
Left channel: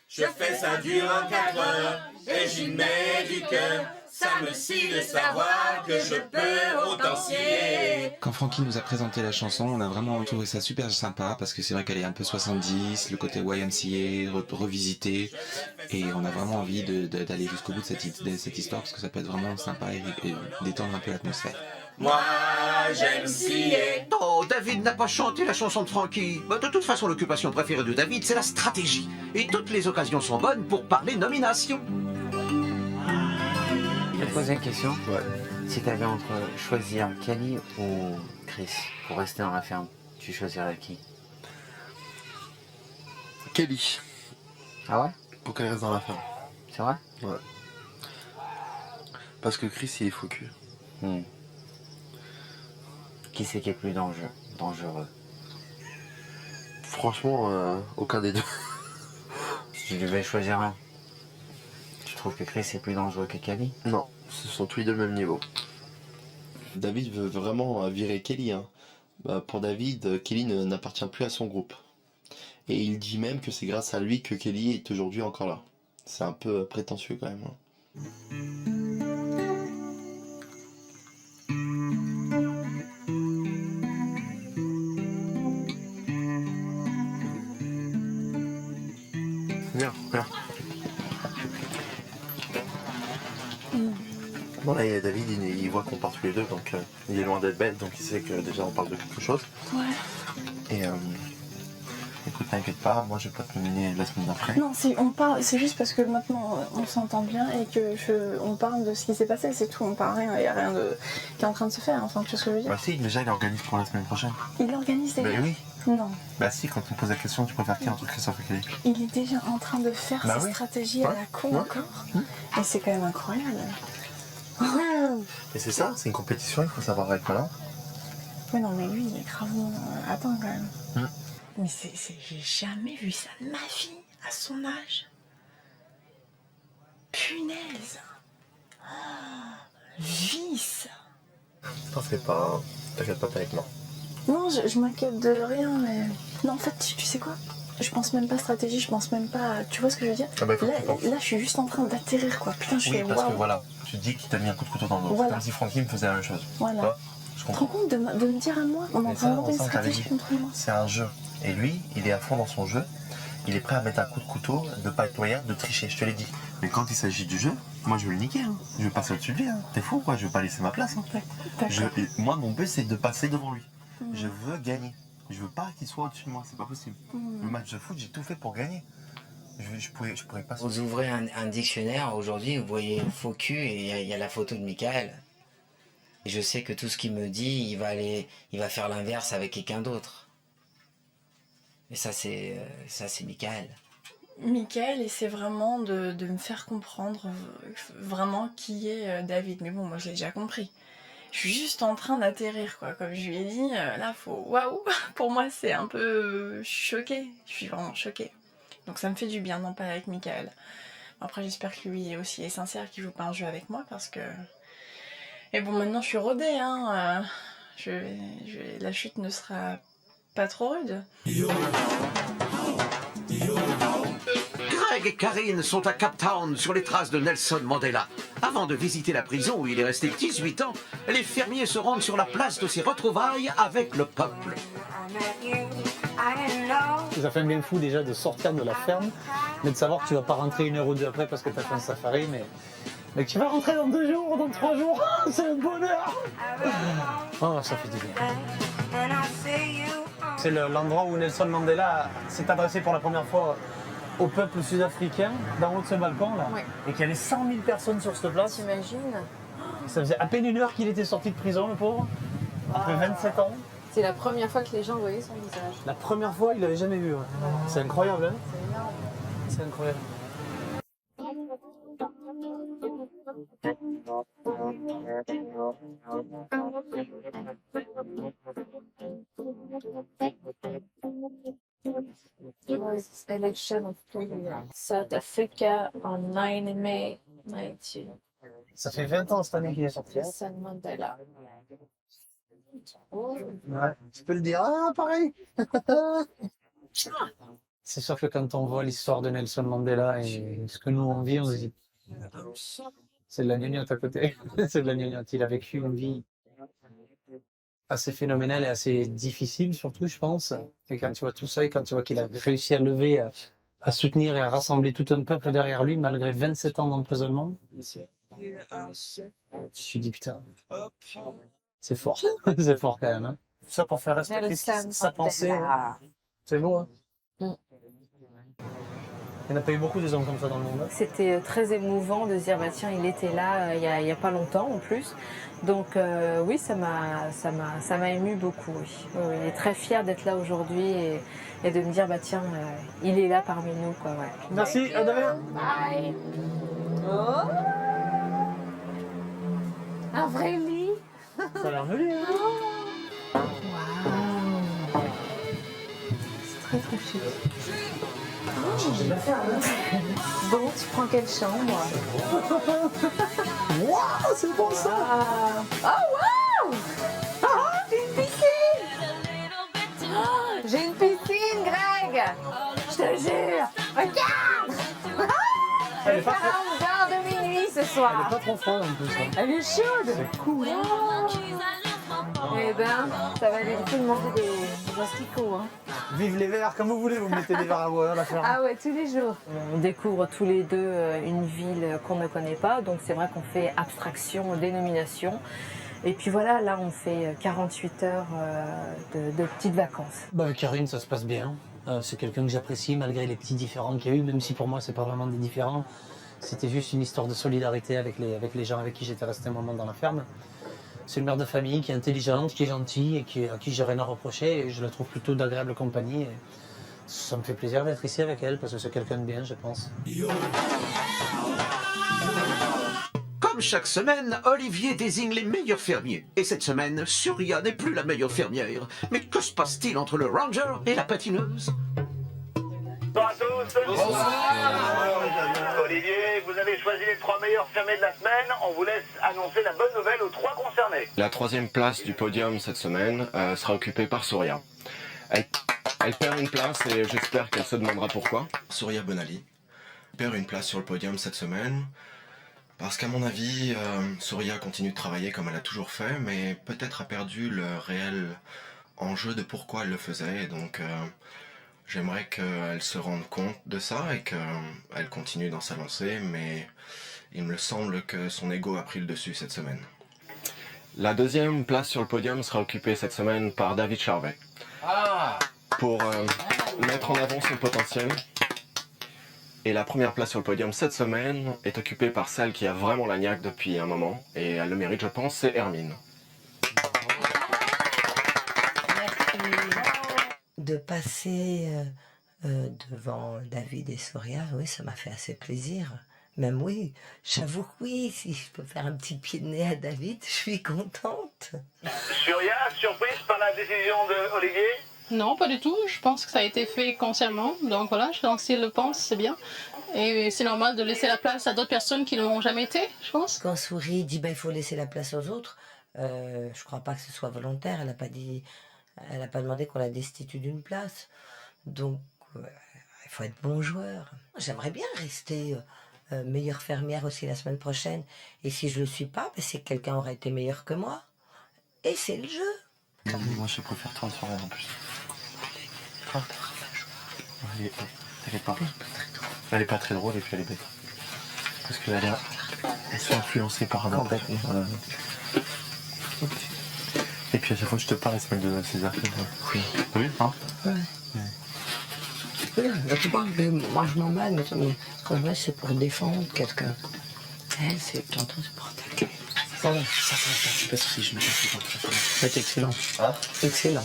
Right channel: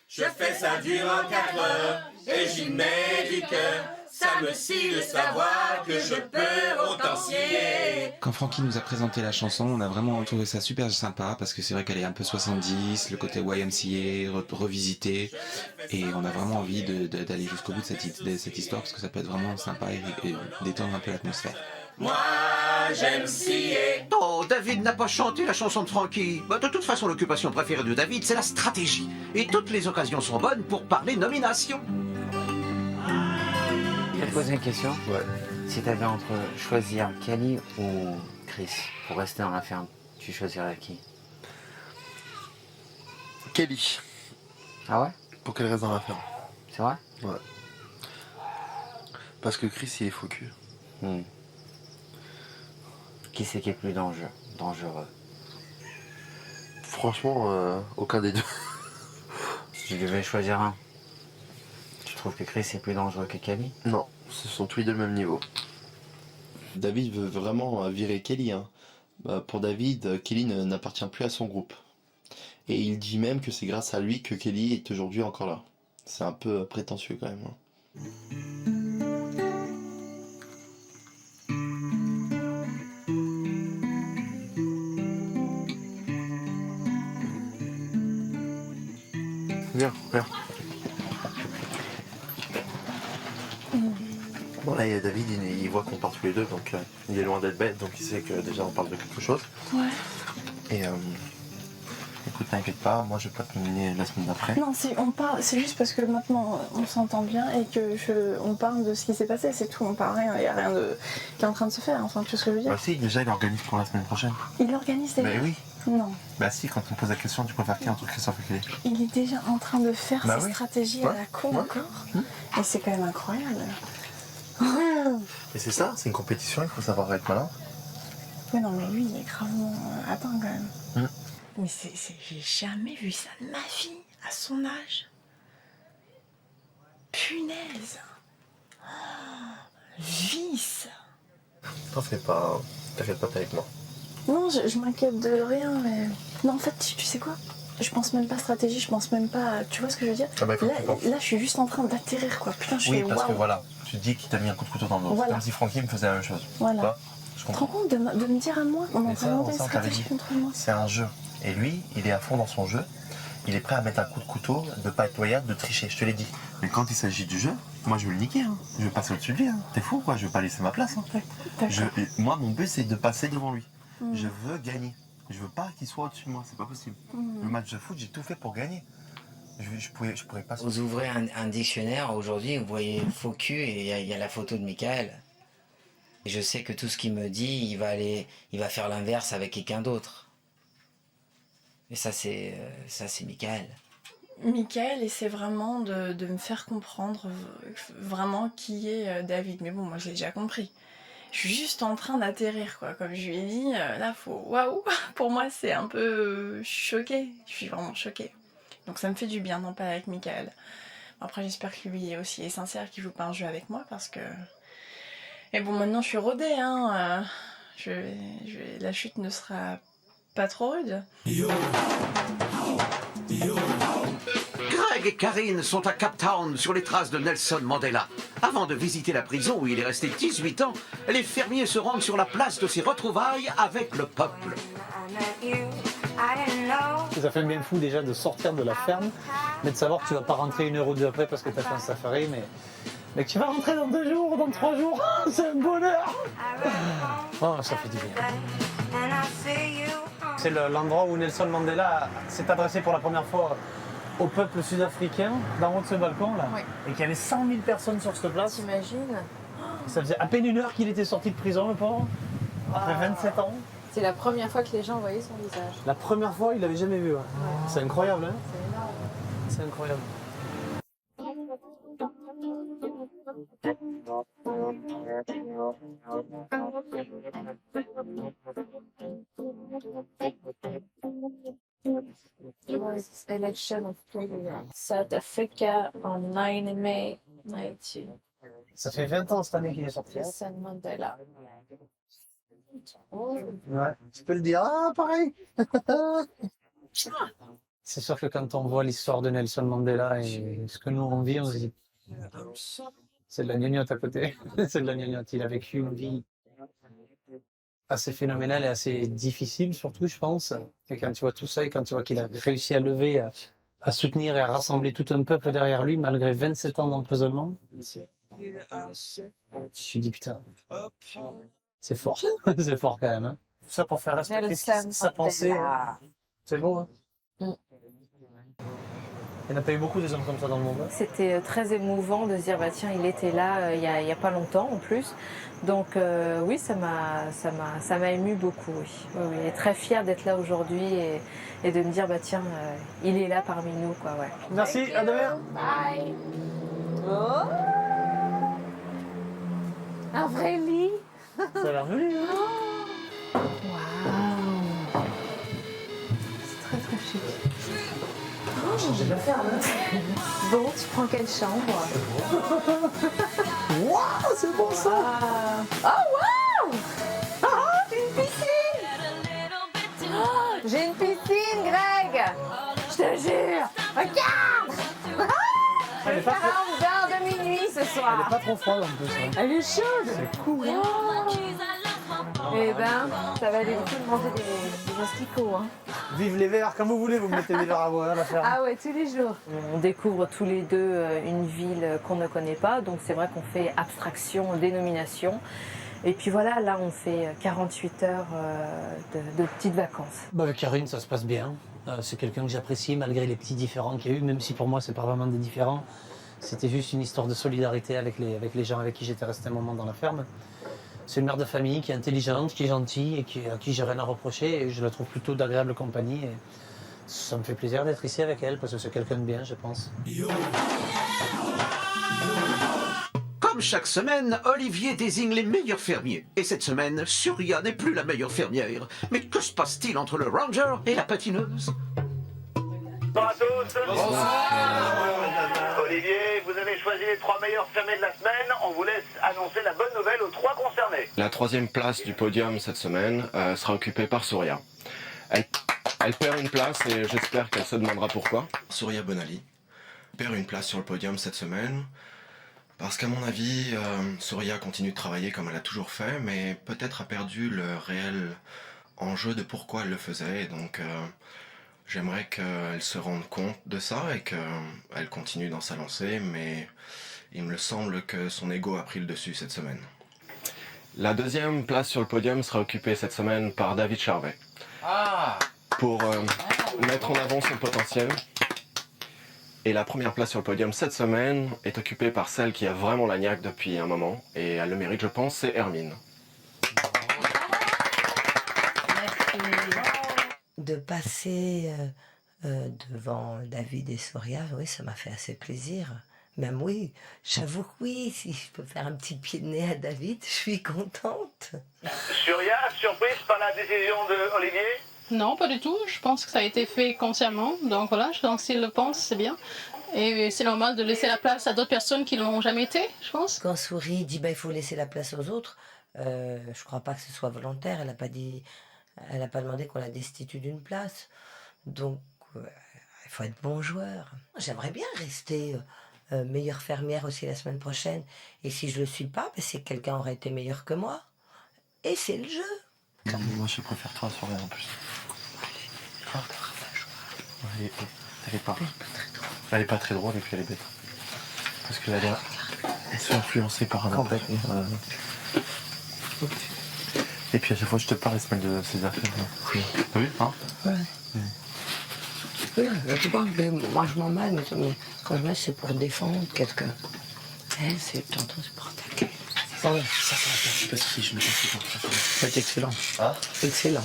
Je fais ça durant 4 heures et j'y mets du cœur. Ça me scie de savoir que je peux autant scier. Quand Francky nous a présenté la chanson, on a vraiment trouvé ça super sympa parce que c'est vrai qu'elle est un peu 70, le côté YMCA revisité, et on a vraiment envie d'aller jusqu'au bout de cette histoire parce que ça peut être vraiment sympa et détendre un peu l'atmosphère. Moi, j'aime scier. Oh, David n'a pas chanté la chanson de Francky. Bah, de toute façon, l'occupation préférée de David, c'est la stratégie. Et toutes les occasions sont bonnes pour parler nomination. Je vais te poser une question. Ouais. Si tu avais entre choisir Kelly ou Chris pour rester dans la ferme, tu choisirais qui? Kelly. Ah ouais? Pour qu'elle reste dans la ferme. C'est vrai? Ouais. Parce que Chris, il est faux cul. Qui c'est qui est plus dangereux? Franchement, aucun des deux. Si tu devais choisir un, tu trouves que Chris est plus dangereux que Kelly? Non, ce sont tous les deux le même niveau. David veut vraiment virer Kelly. Hein. Pour David, Kelly n'appartient plus à son groupe. Et il dit même que c'est grâce à lui que Kelly est aujourd'hui encore là. C'est un peu prétentieux quand même. Hein. Viens, viens. Bon là, il y a David, il voit qu'on part tous les deux, donc il est loin d'être bête, donc il sait que déjà on parle de quelque chose. Ouais. Et écoute, t'inquiète pas, moi je vais pas te nominer la semaine d'après. Non, si on parle, c'est juste parce que maintenant on s'entend bien et que on parle de ce qui s'est passé, c'est tout. On parle rien, il n'y a rien qui est en train de se faire. Enfin, tu vois ce que je veux dire? Bah si, déjà il organise pour la semaine prochaine. Il organise déjà? Mais oui. Non. Bah si, quand on me pose la question, tu préfères qui entre Christophe et Kelly? Il est déjà en train de faire Bah ses oui. stratégies à la con encore. Et c'est quand même incroyable. Et c'est ça, c'est une compétition, il faut savoir être malin. Oui, non, mais lui, il est gravement atteint quand même. Mais j'ai jamais vu ça de ma vie, à son âge. Punaise. Vice. T'en fais pas, t'inquiète pas, t'es avec moi. Non, je m'inquiète de rien, mais... Non, en fait, tu sais quoi? Je pense même pas stratégie, je pense même pas... Tu vois ce que je veux dire? Ah bah, il faut que tu penses. Là, je suis juste en train d'atterrir, quoi. Putain, je Oui, fais parce que waouh. voilà, tu te dis qu'il t'a mis un coup de couteau dans le dos. Voilà. C'est comme si Francky me faisait la même chose. Voilà. Tu vois? Je Tu te rends comprends. compte de me dire à moi? On est en Mais train de monter une on t'avait stratégie dit. contre moi. C'est un jeu. Et lui, il est à fond dans son jeu. Il est prêt à mettre un coup de couteau, de pas être loyal, de tricher, je te l'ai dit. Mais quand il s'agit du jeu, moi je veux le niquer. Hein. Je veux passer au-dessus de lui. Hein. T'es fou quoi, je veux pas laisser ma place. Hein. Moi, mon but, c'est de passer devant lui. Je veux gagner. Je veux pas qu'il soit au-dessus de moi, c'est pas possible. Le match de foot, j'ai tout fait pour gagner. Je pourrais pas... Vous ouvrez un dictionnaire aujourd'hui, vous voyez faux cul et il y a la photo de Michael. Et je sais que tout ce qu'il me dit, il va faire l'inverse avec quelqu'un d'autre. Et ça, c'est Michael. Michael essaie vraiment de me faire comprendre vraiment qui est David. Mais bon, moi, je l'ai déjà compris. Je suis juste en train d'atterrir, quoi. Comme je lui ai dit, là, faut... Waouh. Pour moi, c'est un peu... Je suis choquée. Je suis vraiment choquée. Donc ça me fait du bien d'en parler avec Michael. Après, j'espère que lui aussi est sincère, qu'il joue pas un jeu avec moi, parce que... Et bon, maintenant, je suis rodée, hein. La chute ne sera pas trop rude. Greg et Karine sont à Cape Town sur les traces de Nelson Mandela. Avant de visiter la prison où il est resté 18 ans, les fermiers se rendent sur la place de ses retrouvailles avec le peuple. Ça fait un bien fou déjà de sortir de la ferme, mais de savoir que tu vas pas rentrer 1 heure ou 2 après parce que tu as fait un safari, mais que tu vas rentrer dans 2 jours, dans 3 jours, c'est un bonheur. Oh, ça fait du bien. C'est l'endroit où Nelson Mandela s'est adressé pour la première fois au peuple sud-africain d'en haut de ce balcon là, Oui. et qu'il y avait 100 000 personnes sur cette place. T'imagines? Ça faisait à peine 1 heure qu'il était sorti de prison, le pauvre, après 27 ans. C'est la première fois que les gens voyaient son visage. La première fois, il l'avait jamais vu. Ouais. C'est incroyable, hein? C'est énorme. C'est incroyable. Election of South Africa on 9 May 19. Ça fait 20 ans cette année qu'il est sorti. Nelson Mandela. Ouais, je peux le dire. Ah, pareil. C'est sûr que quand on voit l'histoire de Nelson Mandela et ce que nous on vit, on se dit c'est de la gnognotte à côté. C'est de la gnognotte. Il a vécu une vie assez phénoménale et assez difficile, surtout, je pense. Et quand tu vois tout ça et quand tu vois qu'il a réussi à lever, à soutenir et à rassembler tout un peuple derrière lui, malgré 27 ans d'emprisonnement, je me suis dit, putain, c'est fort. C'est fort quand même. Hein. Tout ça pour faire respecter sa pensée. Hein. C'est beau, hein. Il n'y en a pas eu beaucoup des hommes comme ça dans le monde. Hein. C'était très émouvant de se dire, bah, tiens, il était là il y a pas longtemps en plus. Donc oui, ça m'a ému beaucoup. Oui. Oui, et très fière d'être là aujourd'hui et de me dire, bah, tiens, il est là parmi nous. Quoi, ouais. Merci, à demain. Bye. Oh, un vrai lit. Ça a l'air joli. Hein. Waouh. C'est très très chic. J'ai de la ferme. Hein. Bon, tu prends quelle chambre? Waouh, c'est bon ça. Oh waouh. Oh, j'ai une piscine. Oh, j'ai une piscine, Greg. Je te jure. Regarde. Je vais faire un bain de minuit ce soir. Elle est pas trop froide en plus. Hein. Elle est chaude. C'est cool. Oh. Eh ben, ça va aller le coup de manger des asticots. Hein. Vive les verres, quand vous voulez, vous mettez des verres à boire à la ferme. Ah ouais, tous les jours. On découvre tous les deux une ville qu'on ne connaît pas, donc c'est vrai qu'on fait abstraction, dénomination. Et puis voilà, là on fait 48 heures de petites vacances. Bah avec Karine, ça se passe bien. C'est quelqu'un que j'apprécie malgré les petits différends qu'il y a eu, même si pour moi c'est pas vraiment des différends. C'était juste une histoire de solidarité avec les gens avec qui j'étais resté un moment dans la ferme. C'est une mère de famille qui est intelligente, qui est gentille et à qui j'ai rien à reprocher. Et je la trouve plutôt d'agréable compagnie. Et ça me fait plaisir d'être ici avec elle parce que c'est quelqu'un de bien, je pense. Comme chaque semaine, Olivier désigne les meilleurs fermiers. Et cette semaine, Surya n'est plus la meilleure fermière. Mais que se passe-t-il entre le ranger et la patineuse? Bonsoir à tous. Olivier, vous avez choisi les 3 meilleurs fermiers de la semaine. On vous laisse annoncer la bonne nouvelle aux 3 concernés. La 3e place du podium cette semaine sera occupée par Surya. Elle perd une place et j'espère qu'elle se demandera pourquoi. Surya Bonali perd une place sur le podium cette semaine parce qu'à mon avis, Surya continue de travailler comme elle a toujours fait, mais peut-être a perdu le réel enjeu de pourquoi elle le faisait. Et donc, j'aimerais qu'elle se rende compte de ça et qu'elle continue dans sa lancée, mais il me semble que son ego a pris le dessus cette semaine. La 2e place sur le podium sera occupée cette semaine par David Charvet. Pour mettre en avant son potentiel. Et la 1re place sur le podium cette semaine est occupée par celle qui a vraiment la niaque depuis un moment. Et elle le mérite, je pense, c'est Hermine. De passer devant David et Surya, oui, ça m'a fait assez plaisir. Même oui, j'avoue que oui, si je peux faire un petit pied de nez à David, je suis contente. Surya, surprise par la décision de Olivier? Non, pas du tout. Je pense que ça a été fait consciemment. Donc voilà, je pense s'il le pense, c'est bien. Et c'est normal de laisser la place à d'autres personnes qui ne l'ont jamais été, je pense. Quand Souris dit il faut laisser la place aux autres, je ne crois pas que ce soit volontaire. Elle n'a pas dit... Elle n'a pas demandé qu'on la destitue d'une place. Donc, il faut être bon joueur. J'aimerais bien rester meilleure fermière aussi la semaine prochaine. Et si je ne le suis pas, c'est que quelqu'un aurait été meilleur que moi. Et c'est le jeu. Non, mais moi, je préfère toi à soirée en plus. Quoi? T'inquiète pas. Elle est pas très drôle et puis elle est bête. Parce qu'elle elle se fait influencer par un autre. Et puis à chaque fois que je te parle, elle se mêle de ses affaires. Oui. T'as vu, hein? Ouais. Oui, la plupart, mais moi je m'en mêle, mais quand je mets, c'est pour défendre quelqu'un. Elle, c'est t'entends, c'est pour attaquer. Oh ouais, ça, je suis pas souci, je me casse pas. C'est excellent. Hein? Excellent.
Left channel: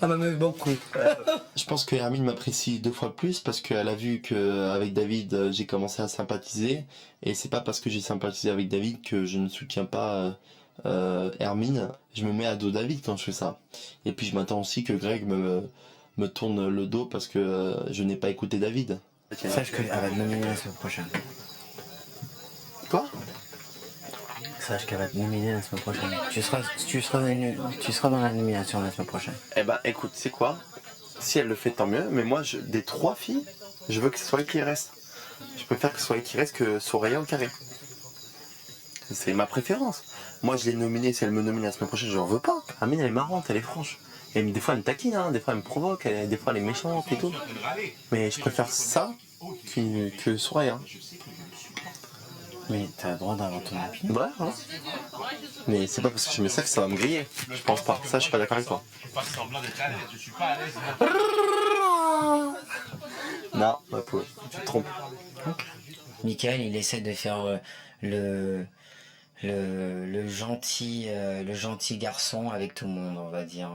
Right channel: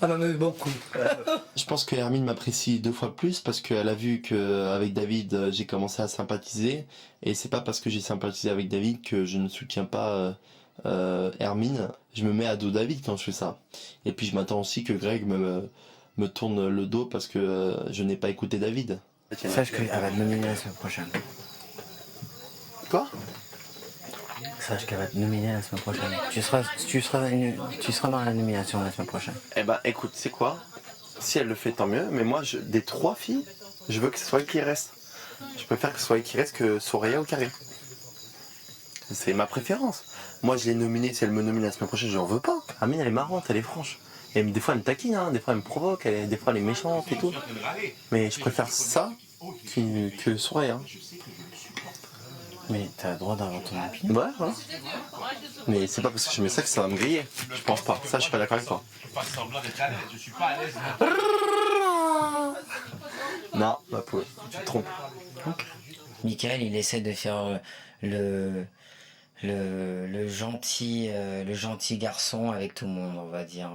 Ah, m'amuse beaucoup. Je pense que Hermine m'apprécie 2 fois plus parce qu'elle a vu qu'avec David, j'ai commencé à sympathiser. Et c'est pas parce que j'ai sympathisé avec David que je ne soutiens pas Hermine. Je me mets à dos David quand je fais ça. Et puis je m'attends aussi que Greg me tourne le dos parce que je n'ai pas écouté David. Sache qu'elle va te nominer la semaine prochaine. Quoi? Sache qu'elle va te nominer la semaine prochaine. Tu seras dans la nomination la semaine prochaine. Eh ben, écoute, c'est quoi? Si elle le fait, tant mieux. Mais moi, des 3 filles, je veux que ce soit elle qui reste. Je préfère que ce soit elle qui reste que Soraya ou Karine. C'est ma préférence. Moi, je l'ai nominée. Si elle me nomine la semaine prochaine, je n'en veux pas. Amine, elle est marrante, elle est franche. Et des fois, elle me taquine, hein. Des fois, elle me provoque. Des fois, elle est méchante et tout. Mais je préfère ça que Soraya. Mais t'as le droit d'avoir ton opinion. Ouais, voilà. Mais c'est pas parce que je mets ça que ça va me griller. Je pense pas. Ça, je suis pas d'accord avec toi. Je fais semblant d'être à l'aise, je suis pas à l'aise. Non, ma poule, tu te trompes. Michael, il essaie de faire le gentil garçon avec tout le monde, on va dire.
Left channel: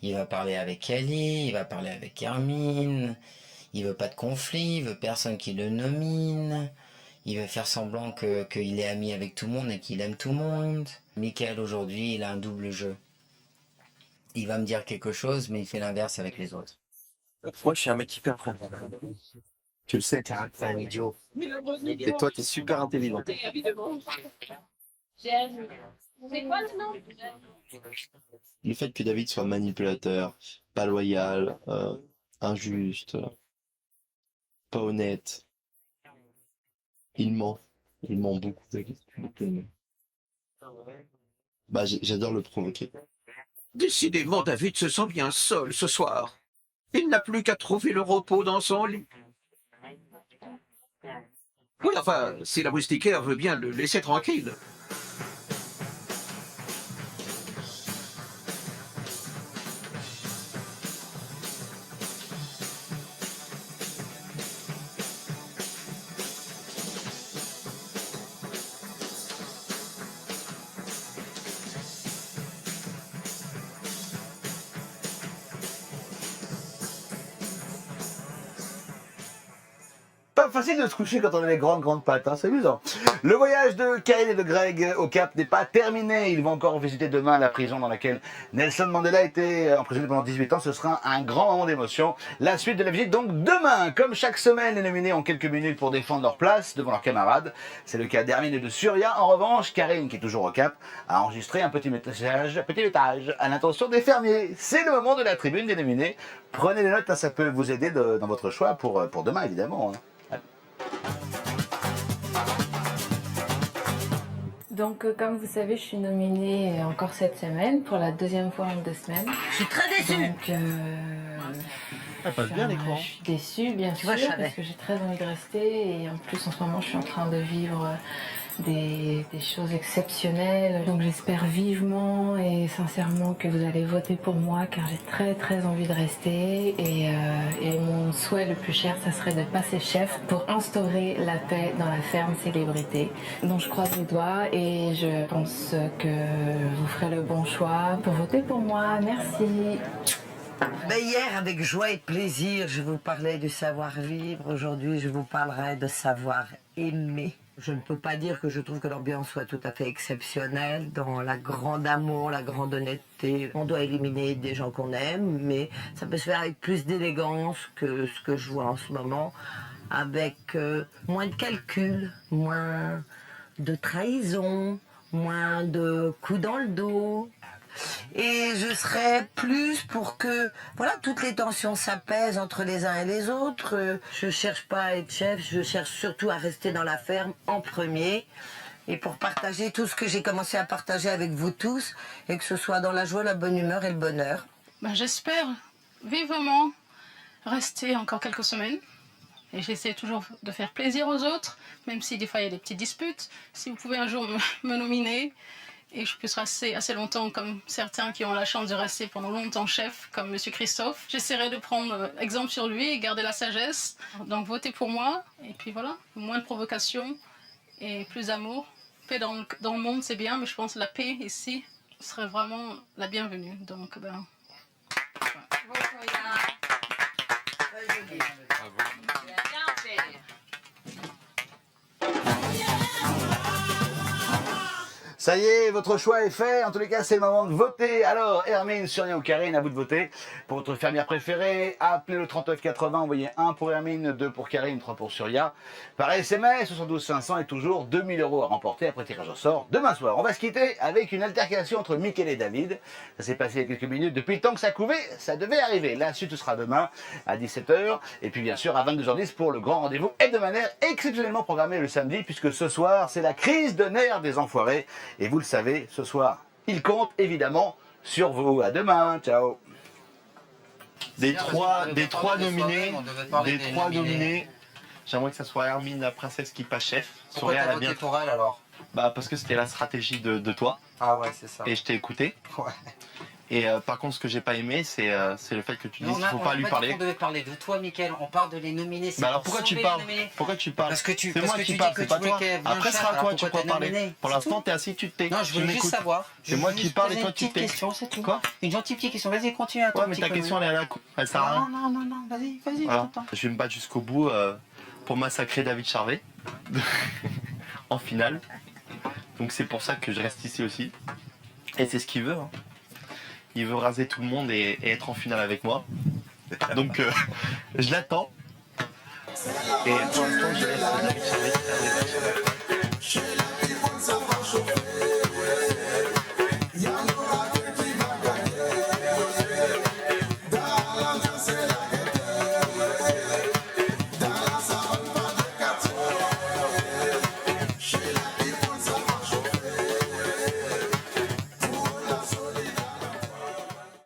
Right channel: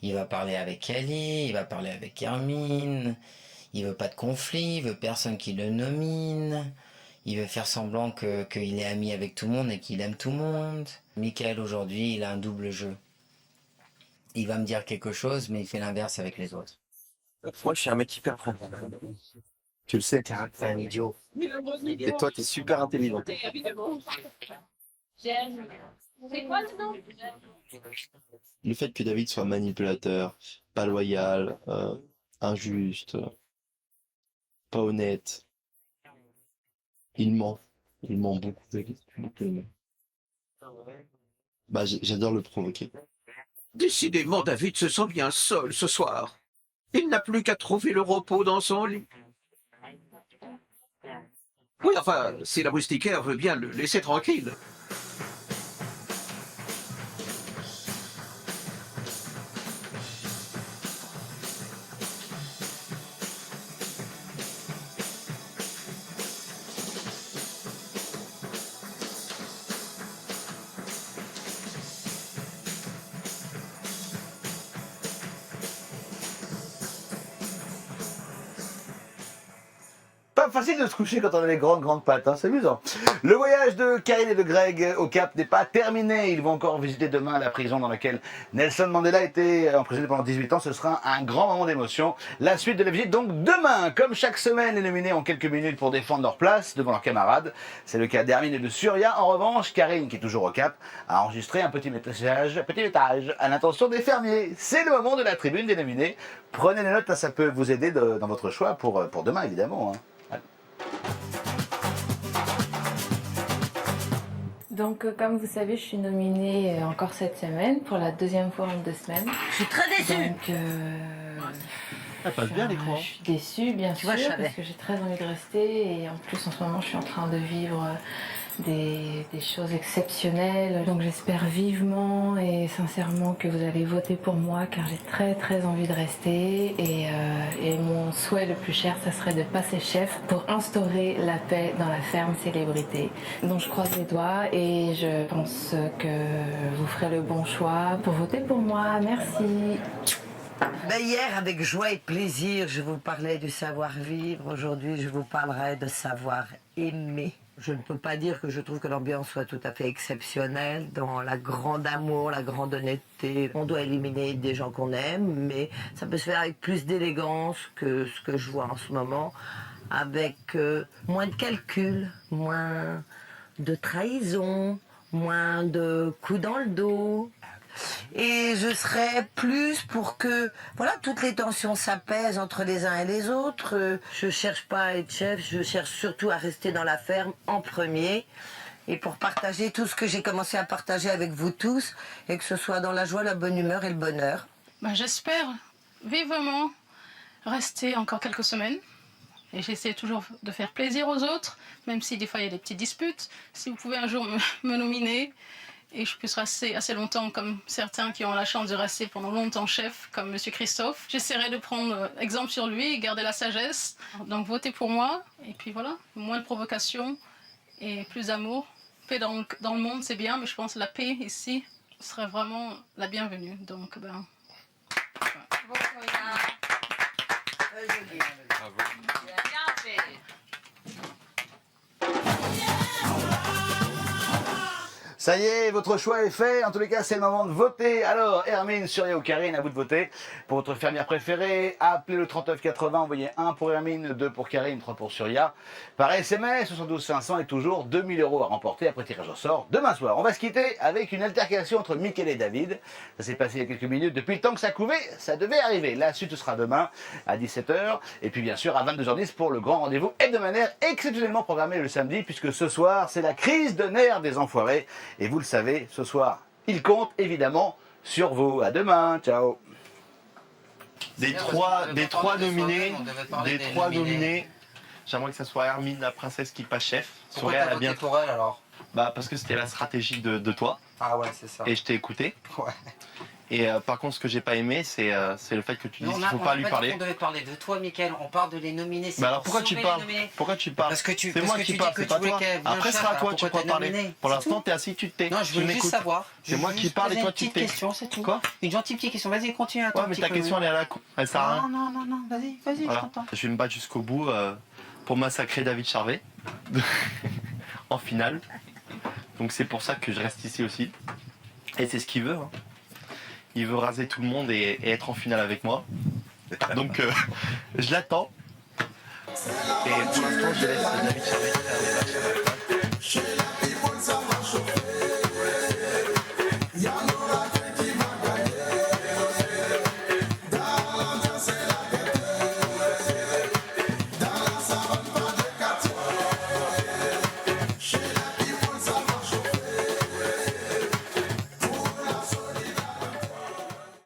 Il va parler avec Kelly, il va parler avec Hermine. Il veut pas de conflit, il veut personne qui le nomine. Il veut faire semblant qu'il est ami avec tout le monde et qu'il aime tout le monde. Michael, aujourd'hui, il a un double jeu. Il va me dire quelque chose, mais il fait l'inverse avec les autres. Moi, je suis un mec hyper prêt. Tu le sais. T'es un idiot. Et toi, t'es super intelligent. J'aime. C'est quoi le nom? Le fait que David soit manipulateur, pas loyal, injuste, pas honnête, il ment beaucoup, David. Beaucoup. Bah, j'adore le provoquer. Décidément, David se sent bien seul ce soir. Il n'a plus qu'à trouver le repos dans son lit. Oui, enfin, si la moustiquaire veut bien le laisser tranquille. Pas facile de se coucher quand on a les grandes pattes, hein, c'est amusant. Le voyage de Karine et de Greg au Cap n'est pas terminé. Ils vont encore visiter demain la prison dans laquelle Nelson Mandela a été emprisonné pendant 18 ans. Ce sera un grand moment d'émotion. La suite de la visite, donc demain. Comme chaque semaine, les nominés ont quelques minutes pour défendre leur place devant leurs camarades. C'est le cas d'Hermine et de Surya. En revanche, Karine, qui est toujours au Cap, a enregistré un petit message à l'intention des fermiers. C'est le moment de la tribune des nominés. Prenez des notes, hein, ça peut vous aider dans votre choix pour demain, évidemment. Hein. Donc, comme vous savez, je suis nominée encore cette semaine, pour la 2e fois en 2 semaines. Je suis très déçue. Donc, Elle passe bien l'écran. je suis déçue, bien Tu sûr, vois, je savais. parce que j'ai très envie de rester. Et en plus, en ce moment, je suis en train de vivre des choses exceptionnelles. Donc, j'espère vivement et sincèrement que vous allez voter pour moi, car j'ai très envie de rester. Et mon souhait le plus cher, ça serait de passer chef pour instaurer la paix dans la ferme Célébrité. Donc, je croise les doigts et je pense que vous ferez le bon choix pour voter pour moi. Merci. Ben hier, avec joie et plaisir, je vous parlais du savoir-vivre. Aujourd'hui, je vous parlerai de savoir-aimer. Je ne peux pas dire que je trouve que l'ambiance soit tout à fait exceptionnelle dans la grande amour, la grande honnêteté. On doit éliminer des gens qu'on aime, mais ça peut se faire avec plus d'élégance que ce que je vois en ce moment, avec moins de calcul, moins de trahison, moins de coups dans le dos. Et je serais plus pour que toutes les tensions s'apaisent entre les uns et les autres. Je cherche pas à être chef, je cherche surtout à rester dans la ferme en premier. Et pour partager tout ce que j'ai commencé à partager avec vous tous, et que ce soit dans la joie, la bonne humeur et le bonheur. J'espère vivement rester encore quelques semaines. Et j'essaie toujours de faire plaisir aux autres, même si des fois il y a des petites disputes. Si vous pouvez un jour me nominer. et je puisse rester assez longtemps comme certains qui ont la chance de rester pendant longtemps chef, comme M. Christophe. J'essaierai de prendre exemple sur lui, garder la sagesse. Donc votez pour moi, et puis voilà, moins de provocation et plus d'amour. Paix dans le monde, c'est bien, mais je pense que la paix ici serait vraiment la bienvenue. Donc, ben... Bien fait. Ça y est, votre choix est fait. En tous les cas, c'est le moment de voter. Alors, Hermine, Surya ou Karine, à vous de voter. Pour votre fermière préférée, appelez le 3980, envoyez 1 pour Hermine, 2 pour Karine, 3 pour Surya. Par SMS, 72 500 et toujours 2000 € à remporter après tirage au sort demain soir. On va se quitter avec une altercation entre Mickaël et David. Ça s'est passé il y a quelques minutes. Depuis le temps que ça couvait, ça devait arriver. La suite sera demain à 17h. Et puis, bien sûr, à 22h10 pour le grand rendez-vous hebdomadaire exceptionnellement programmé le samedi, puisque ce soir, c'est la crise de nerfs des enfoirés. Et vous le savez, ce soir, il compte évidemment sur vous. À demain, ciao. Des trois nominés, j'aimerais que ça soit Hermine, la princesse qui passe chef. Pourquoi t'as voté pour elle alors? Bah parce que c'était la stratégie de toi. Ah ouais, c'est ça. Et je t'ai écouté. Ouais. Et par contre, ce que j'ai pas aimé, c'est le fait que tu dises qu'il ne faut pas lui parler. On devait parler de toi, Mickaël. On parle de les nominer. Bah alors pourquoi tu parles? Pourquoi tu parles? C'est moi qui parle, c'est pas toi. Après, ce sera à toi, tu pourras parler. Pour l'instant, t'es assis, tu te tais. Non, je voulais juste savoir. C'est moi qui parle et toi, tu te tais. Une petite question, c'est tout. Quoi? Une gentille petite question. Vas-y, continue à toi. Ouais, mais ta question, elle est à la con. Elle sert à rien. Non. Vas-y, je t'entends. Je vais me battre jusqu'au bout pour massacrer David Charvet en finale. Donc c'est pour ça que je reste ici aussi. Et c'est ce qu'il veut. Hein. Il veut raser tout le monde et être en finale avec moi. Donc je l'attends. Et pour l'instant, je laisse David Charvet faire les vaches.